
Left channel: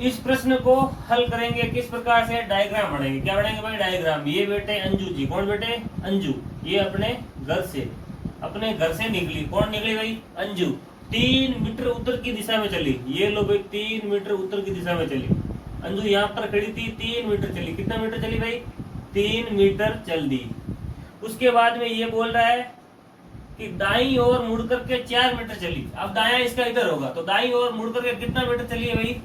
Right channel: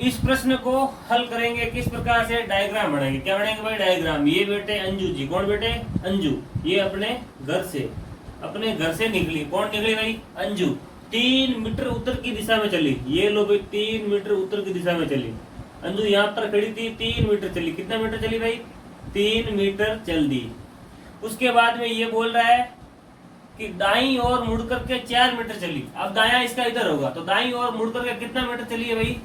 इस प्रश्न को हल करेंगे किस प्रकार से, डायग्राम बनाएंगे। क्या बनाएंगे भाई डायग्राम। ये बेटे अंजू जी, कौन बेटे अंजू, ये अपने घर से निकली, कौन निकली भाई अंजू, 3 मीटर उत्तर की दिशा में चली। ये लो भाई 3 मीटर उत्तर की दिशा में चली, अंजू यहाँ पर खड़ी थी, 3 मीटर चली, कितना मीटर चली भाई 3 मीटर चल दी। उसके बाद में ये बोल रहा है कि दाईं ओर मुड़ करके 4 मीटर चली। अब दायां इसका इधर होगा, तो दाईं ओर मुड़ करके कितना मीटर चली है भाई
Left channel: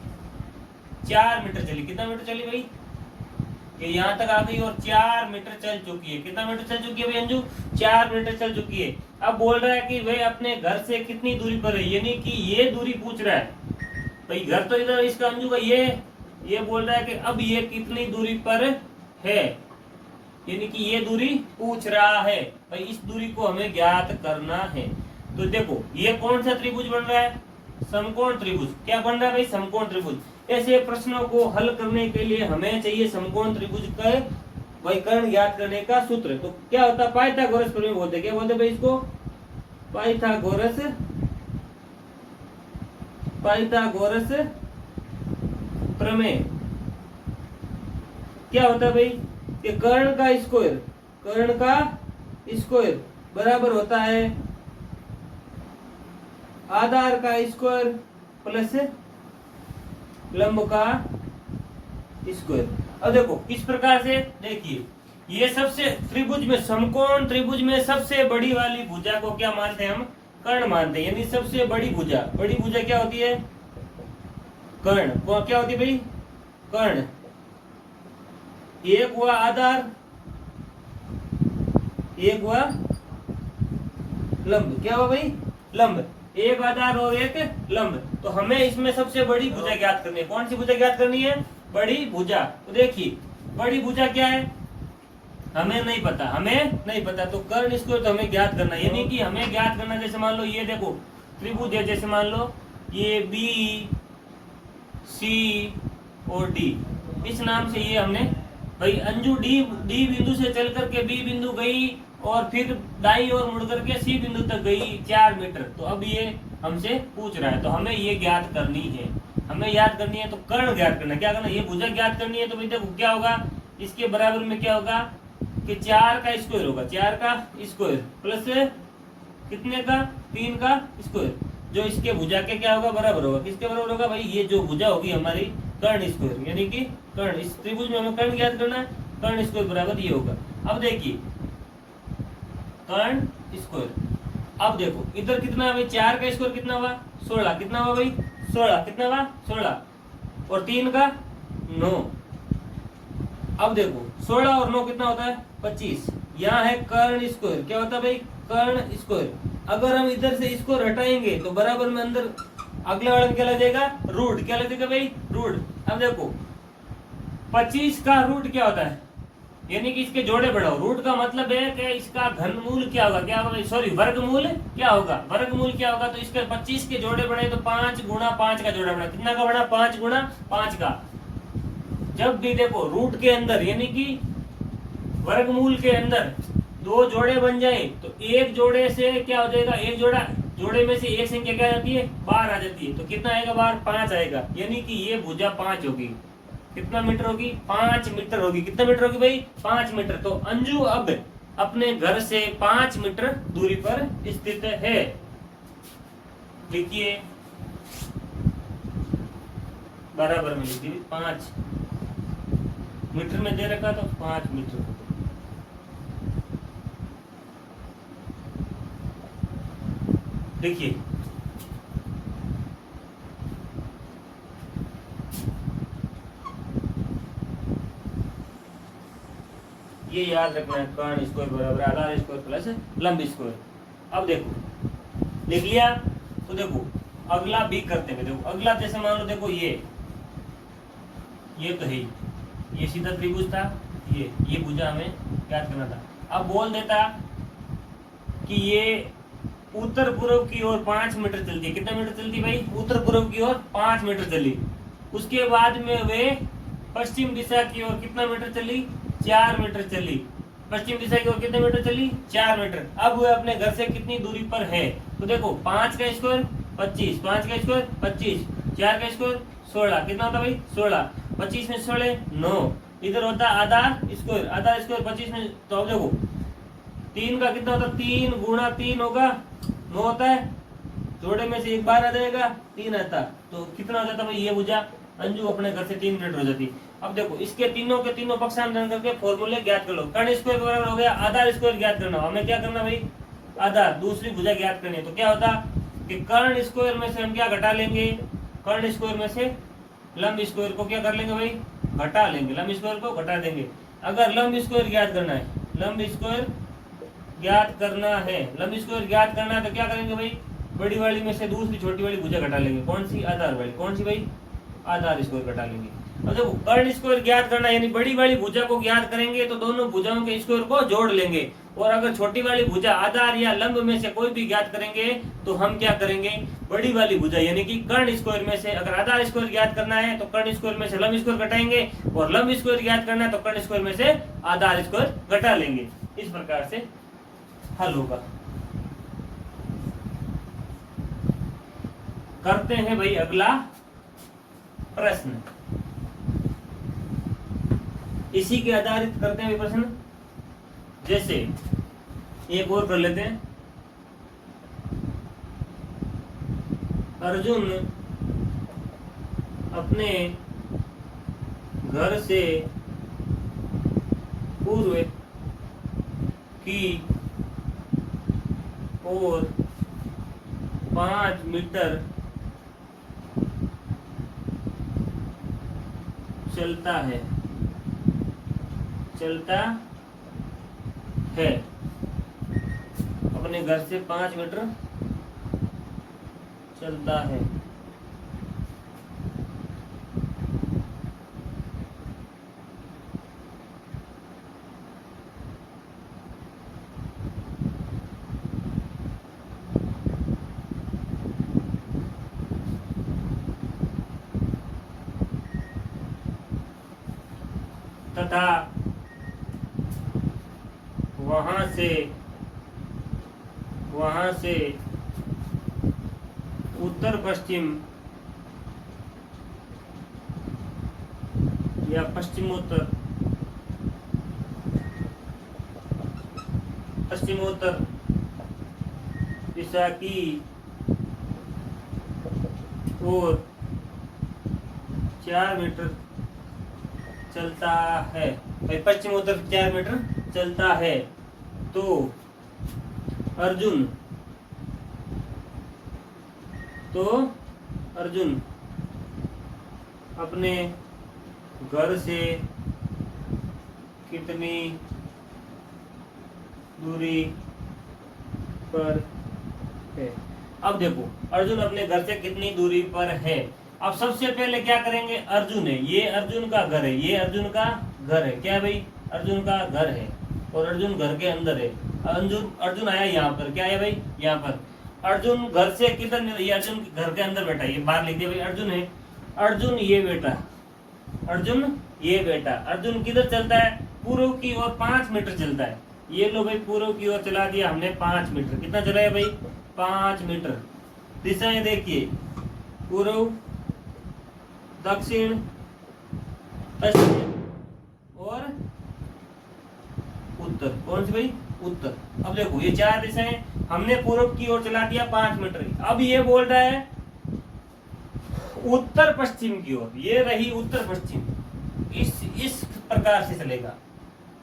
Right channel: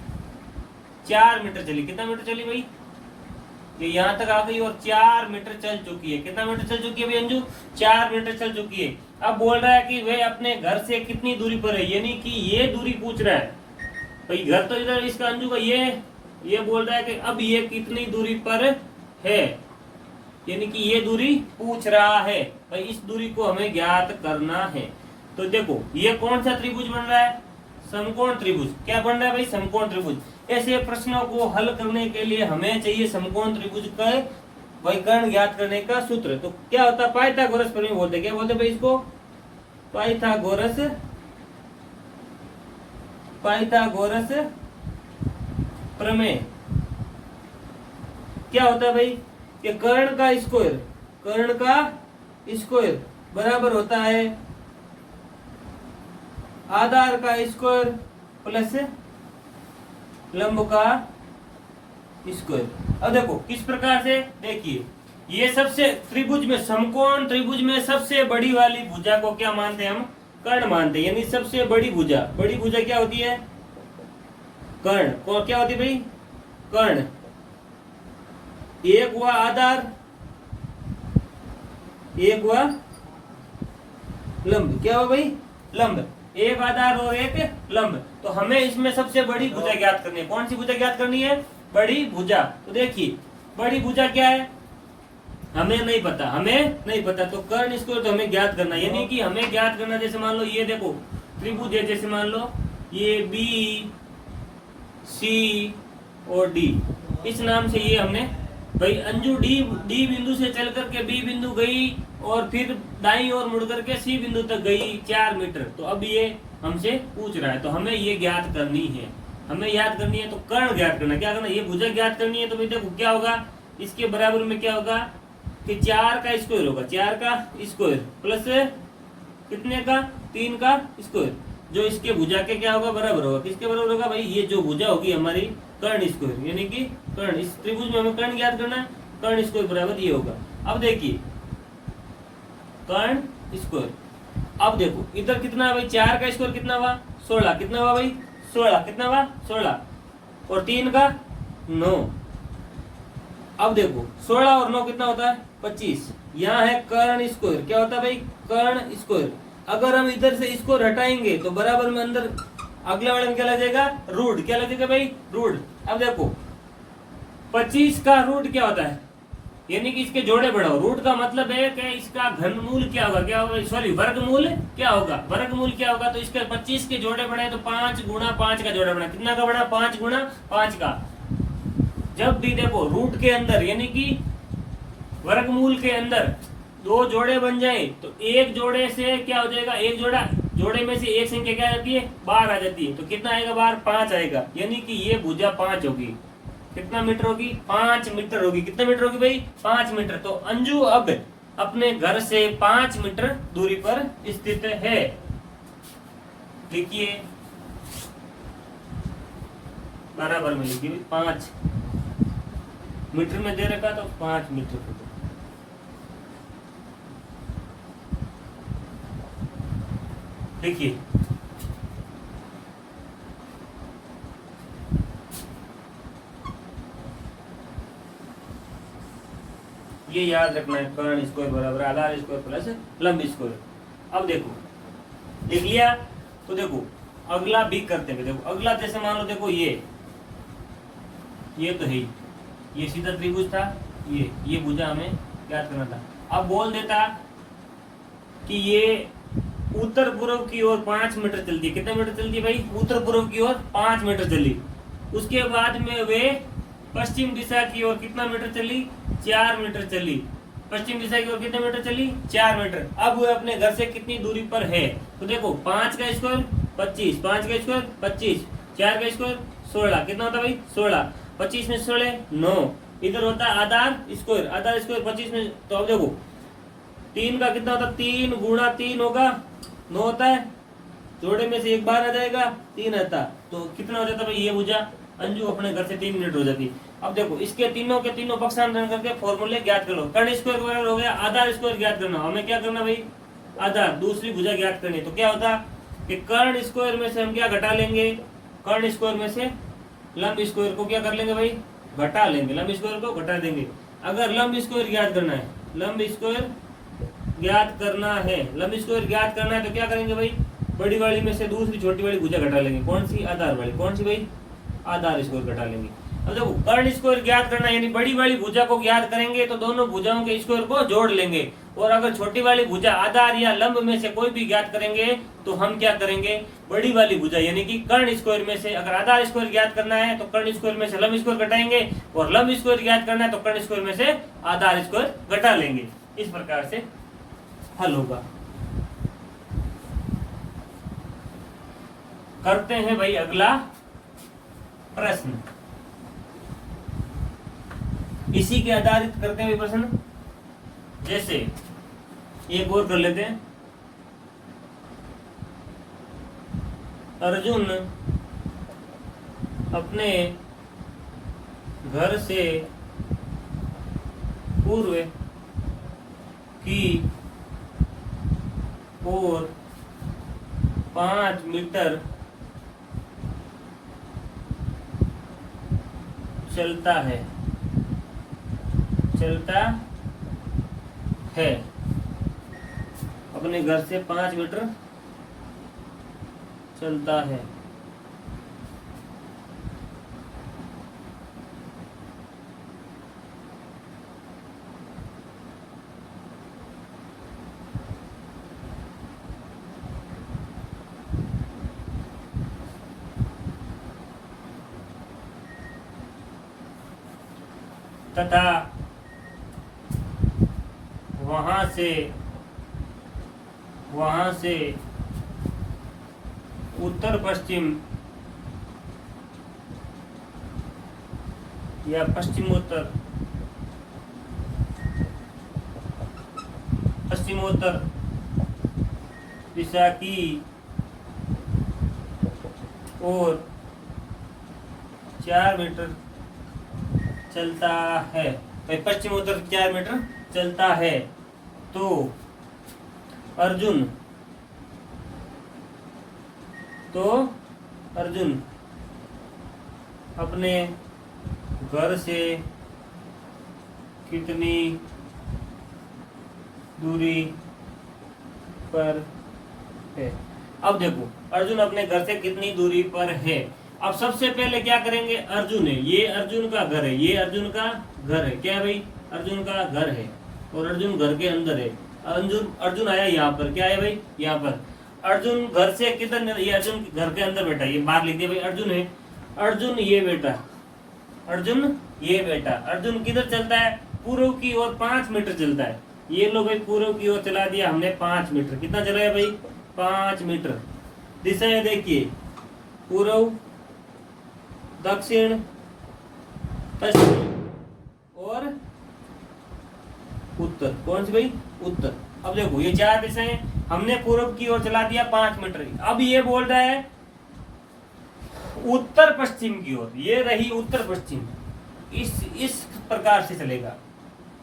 4 मीटर चली, कितना मीटर चली भाई, ये यहाँ तक आ गई और 4 मीटर चल चुकी है। कितना मीटर चल चुकी है भाई अंजू 4 मीटर चल चुकी है। अब बोल रहा है कि वह अपने घर से कितनी दूरी पर है, यानी कि ये दूरी पूछ रहा है भाई, घर तो इधर इसका अंजू का ये बोल रहा है कि अब ये कितनी दूरी पर है, यानी कि ये दूरी पूछ रहा है भाई, इस दूरी को हमें ज्ञात करना है। तो देखो ये कौन सा त्रिभुज बन रहा है, समकोण त्रिभुज। क्या बन रहा है भाई समकोण त्रिभुज। ऐसे प्रश्नों को हल करने के लिए हमें चाहिए समकोण त्रिभुज का वैकर्ण ज्ञात करने का सूत्र। तो क्या होता है पाइथागोरस प्रमेय बोलते हैं, क्या बोलते भाई इसको पाइथागोरस प्रमेय। क्या होता है भाई कि कर्ण का स्क्वायर बराबर होता है आधार का स्क्वायर प्लस लंब का स्क्वायर। अब देखो किस प्रकार से, देखिए ये सबसे त्रिभुज में समकोण त्रिभुज में सबसे बड़ी वाली भुजा को क्या मानते हैं हम, कर्ण मानते हैं। यानी सबसे बड़ी भुजा क्या होती है कर्ण, और क्या होती है भाई कर्ण। एक हुआ आधार, एक हुआ लंब। क्या हुआ भाई? लंब। एक आधार और एक लंब। तो हमें इसमें सबसे बड़ी भुजा ज्ञात करनी है। कौन सी भुजा ज्ञात करनी है? बड़ी भुजा। तो देखिए बड़ी भुजा क्या है, हमें नहीं पता, हमें नहीं पता। तो कर्ण स्क्वायर तो हमें ज्ञात करना है, यानी कि हमें ज्ञात करना, जैसे मान लो ये देखो त्रिभुज है, जैसे मान लो ये बी सी और डी, इस नाम से ये हमने भाई अंजू डी बिंदु से चल करके बी बिंदु गई और फिर दाई और मुड़ करके सी बिंदु तक गई 4 मीटर। तो अब ये हमसे पूछ रहा है, तो हमें ये ज्ञात करनी है, हमें याद करनी है। तो कर्ण ज्ञात करना, क्या करना, ये भुजा ज्ञात करनी है। तो भाई देखो क्या होगा, इसके बराबर में क्या होगा कि 4 का स्क्वायर होगा, 4 का स्क्वायर प्लस कितने का, 3 का स्क्वायर, जो इसके भुजा के क्या होगा, बराबर होगा। किसके बराबर होगा भाई? ये जो भुजा होगी हमारी कर्ण स्क्वायर, यानी कि कर्ण, इस त्रिभुज में हमें कर्ण ज्ञात करना है, कर्ण स्क्वायर बराबर ये होगा। अब देखिए कर्ण स्क्वायर, अब देखो इधर कितना है भाई, 4 का स्क्वायर कितना हुआ, 16, कितना हुआ भाई, 16, कितना हुआ 16, और 3 का 9। अब देखो 16 और 9 कितना होता है, 25। यहाँ है कर्ण स्क्वायर, क्या होता है भाई, कर्ण स्क्वायर। अगर हम इधर से इसको हटाएंगे तो बराबर में अंदर अगले वाले में क्या लग जाएगा, रूट, क्या लग जाएगा भाई, रूट। अब देखो 25 का रूट क्या होता है, यानी कि इसके जोड़े बढ़ाओ। रूट का मतलब है कि इसका घनमूल क्या होगा, क्या होगा, सॉरी वर्गमूल क्या होगा, वर्गमूल क्या होगा। तो इसके 25 के जोड़े बढ़े तो 5 गुणा 5 का जोड़ा बढ़ा, कितना का बढ़ा, 5 गुणा 5 का। जब भी देखो रूट के अंदर यानी कि वर्गमूल के अंदर 2 जोड़े बन जाए तो एक जोड़े से क्या हो जाएगा, एक जोड़े में से एक संख्या क्या आ जाती है, बाहर आ जाती है। तो कितना आएगा बाहर, 5 आएगा, यानी कि ये भुजा 5 होगी। कितना मीटर होगी, 5 मीटर होगी। कितना मीटर होगी भाई, 5 मीटर। तो अंजू अब अपने घर से 5 मीटर दूरी पर स्थित है। देखिए बराबर में लिखिए, 5 मीटर में दे रखा तो 5 मीटर। देखिए ये याद रखना है, कर्ण स्क्वायर बराबर आधार स्क्वायर प्लस लंब स्क्वायर। अब देखो लिख लिया। तो देखो अगला भी करते हैं। देखो अगला जैसे मान लो, देखो ये तो है, ये सीधा त्रिभुज था, ये भुजा हमें याद करना था। अब बोल देता कि ये उत्तर पूर्व की ओर 5 मीटर चलती है। कितना मीटर चलती है भाई, उत्तर पूर्व की ओर 5 मीटर चली। उसके बाद में वे पश्चिम दिशा की ओर कितना मीटर चली, 4 मीटर चली। पश्चिम दिशा की ओर कितने मीटर चली, 4 मीटर। अब वह अपने घर से कितनी दूरी पर है। तो देखो 5 का स्क्वायर 25, 5 का स्क्वायर 25, 4 का स्क्वायर 16, कितना होता भाई 16, 25 में 16 9। इधर होता आधार स्क्वायर, आधार स्क्वायर 25 में। तो अब देखो 3 का कितना होता, 3 गुणा 3 होगा 9 होता है, जोड़े में से एक बार आ जाएगा 3 आता। तो कितना हो जाता भाई, ये भुजा अंजू अपने घर से 3 मिनट हो जाती। अब देखो इसके तीनों के तीनों पक्षांतरण करके फॉर्मूले ज्ञात कर लो। कर्ण स्क्वायर के बराबर हो गया आधार स्क्वायर ज्ञात करना। हमें क्या करना भाई, आधार, दूसरी भुजा ज्ञात करनी। तो क्या होता कि कर्ण स्क्वायर में से हम क्या घटा लेंगे, कर्ण स्क्वायर में से लंब स्क्वायर को क्या कर लेंगे भाई, घटा लेंगे, लंब स्क्वायर को घटा देंगे। अगर लंब स्क्वायर ज्ञात करना है, लंब स्क्वायर ज्ञात करना है, लंब स्क्वायर ज्ञात करना है तो क्या करेंगे भाई, बड़ी वाली में से दूसरी छोटी वाली भुजा घटा लेंगे। कौन सी, आधार वाली। कौन सी भाई, आधार स्क्वायर घटा लेंगे। अब देखो कर्ण स्क्वायर ज्ञात करना यानी बड़ी वाली भुजा को ज्ञात करेंगे तो दोनों भुजाओं के स्क्वायर को जोड़ लेंगे। और अगर छोटी वाली भुजा आधार या लंब में से कोई भी ज्ञात करेंगे तो हम क्या करेंगे, बड़ी वाली भुजा यानी कि कर्ण स्क्वायर में से अगर आधार स्क्वायर ज्ञात करना है तो कर्ण स्क्वायर में से लंब स्क्वायर घटाएंगे, और लंब स्क्वायर ज्ञात करना है तो कर्ण स्क्वायर में से आधार स्क्वायर घटा लेंगे। इस प्रकार से हल होगा। करते हैं भाई अगला प्रश्न, इसी के आधारित करते हैं प्रश्न। जैसे एक और कर लेते हैं, अर्जुन अपने घर से पूर्व की ओर 5 मीटर चलता है चलता है, अपने घर से 5 मीटर चलता है। तथा वहां से उत्तर पश्चिम या पश्चिमोत्तर दिशा की ओर 4 मीटर चलता है। भाई पश्चिमोत्तर 4 मीटर चलता है तो अर्जुन अपने घर से कितनी दूरी पर है। अब देखो अर्जुन अपने घर से कितनी दूरी पर है। अब सबसे पहले क्या करेंगे, अर्जुन है, ये अर्जुन का घर है, ये अर्जुन का घर है। क्या भाई, अर्जुन का घर है और अर्जुन घर के अंदर है। अर्जुन आया यहाँ पर, क्या है भाई, यहाँ पर। अर्जुन घर से किधर, ये अर्जुन घर के अंदर बैठा है, ये बाहर लिख दिया भाई अर्जुन है। अर्जुन ये बेटा, अर्जुन ये बेटा। अर्जुन किधर चलता है, पूर्व की ओर 5 मीटर चलता है। ये लो भाई पूर्व की ओर चला दिया हमने 5 मीटर। कितना चला है भाई, 5 मीटर। दिशाएं देखिए, पूर्व, दक्षिण, पश्चिम और उत्तर। कौन सी भाई, उत्तर। अब देखो ये 4 दिशाएं, हमने पूर्व की ओर चला दिया 5 मीटर। अब ये बोल रहा है उत्तर पश्चिम की ओर, ये रही उत्तर पश्चिम। इस प्रकार से चलेगा,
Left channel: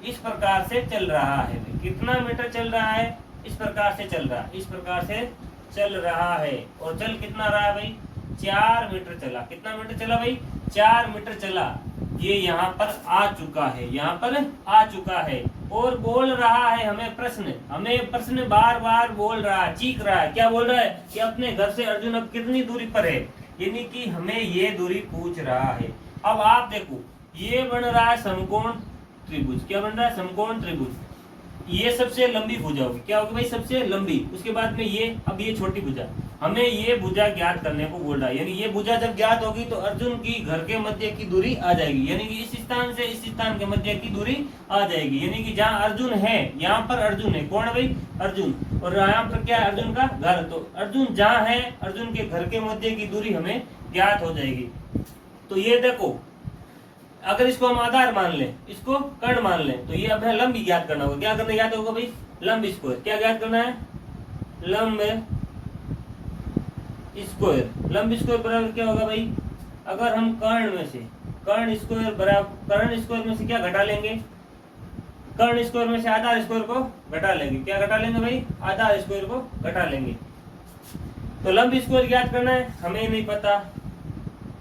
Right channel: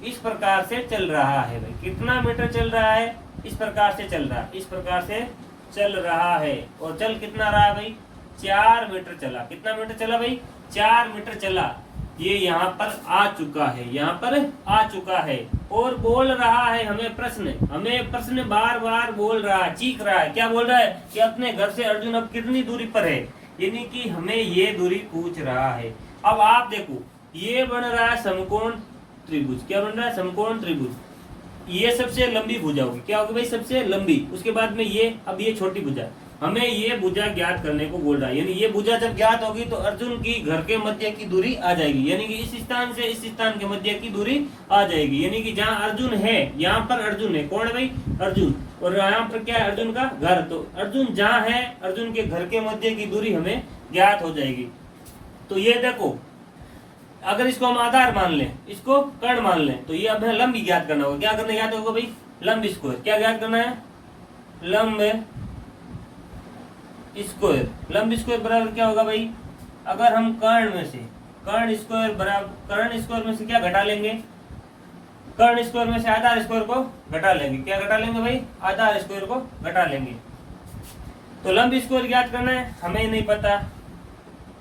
इस प्रकार से चल रहा है भाई। कितना मीटर चल रहा है, इस प्रकार से चल रहा है, इस प्रकार से चल रहा है। और चल कितना रहा है भाई, 4 मीटर चला। कितना मीटर चला भाई, 4 मीटर चला। ये यहाँ पर आ चुका है, यहाँ पर आ चुका है और बोल रहा है हमें प्रश्न बार बार बोल रहा है, चीख रहा है। क्या बोल रहा है कि अपने घर से अर्जुन अब कितनी दूरी पर है, यानी कि हमें ये दूरी पूछ रहा है। अब आप देखो ये बन रहा है समकोण त्रिभुज। क्या बन रहा है, समकोण त्रिभुज। ये सबसे लंबी भुजा होगी, क्या होगी भाई, सबसे लंबी। उसके बाद में ये, अब ये छोटी भुजा, हमें ये भुजा ज्ञात करने को बोल रहा है। यानी ये भुजा जब ज्ञात होगी तो अर्जुन की घर के मध्य की दूरी आ जाएगी, यानी कि इस स्थान से इस स्थान के मध्य की दूरी आ जाएगी। यानी कि जहाँ अर्जुन है, यहाँ पर अर्जुन है, कौन है भाई, अर्जुन। और यहाँ पर क्या है, अर्जुन का घर। तो अर्जुन जहाँ है, अर्जुन के घर के मध्य की दूरी हमें ज्ञात हो जाएगी। तो ये देखो, अगर इसको हम आधार मान लें, इसको कर्ण मान लें, तो ये अब हमें लंब ज्ञात करना होगा। क्या करना ज्ञात होगा भाई, लंब स्क्वायर। क्या ज्ञात करना है, लंब स्क्वायर। लंब स्क्वायर बराबर क्या होगा भाई, अगर हम कर्ण स्क्वायर बराबर, कर्ण स्क्वायर में से क्या घटा लेंगे, कर्ण स्क्वायर में से आधार स्क्वायर को घटा लेंगे। क्या घटा लेंगे भाई, आधार स्क्वायर को घटा लेंगे। तो लंब स्क्वायर ज्ञात करना है, हमें नहीं पता।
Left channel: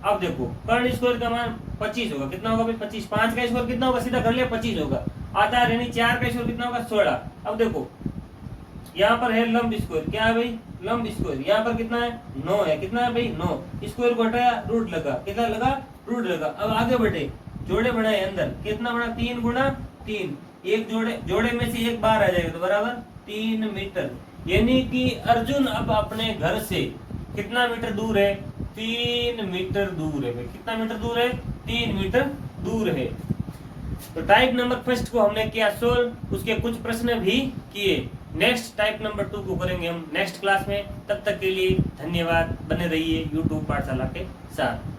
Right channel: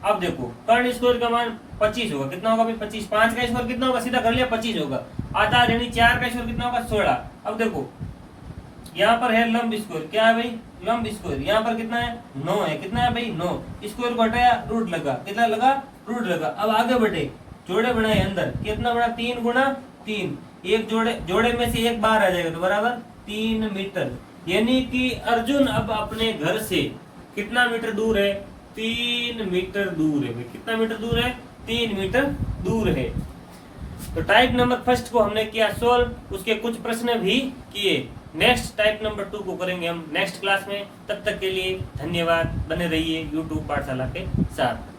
अब देखो कर्ण स्क्वायर का मान 25 होगा। कितना होगा भाई, 25। 5 का स्क्वायर कितना होगा, सीधा कर लिया, 25 होगा। आधार यानी 4 का स्क्वायर कितना होगा, 16। अब देखो यहाँ पर है लंब स्क्वायर, क्या है भाई, लंब स्क्वायर। यहाँ पर कितना है, 9 है। कितना है भाई, 9। स्क्वायर को हटाया, रूट लगा। कितना लगा, रूट लगा। अब आगे बढ़े, जोड़े बनाए अंदर। कितना बना, 3 गुना 3। एक जोड़े में से एक बाहर आ जाएगा तो बराबर 3 मीटर। यानी कि अर्जुन अब अपने घर से कितना मीटर दूर है, 3 मीटर दूर है भाई। कितना मीटर दूर है, 3 मीटर दूर है। तो टाइप नंबर फर्स्ट को हमने किया सोल्व, उसके कुछ प्रश्न भी किए। नेक्स्ट टाइप नंबर 2 को करेंगे हम नेक्स्ट क्लास में। तब तक के लिए धन्यवाद, बने रहिए YouTube पाठशाला के साथ।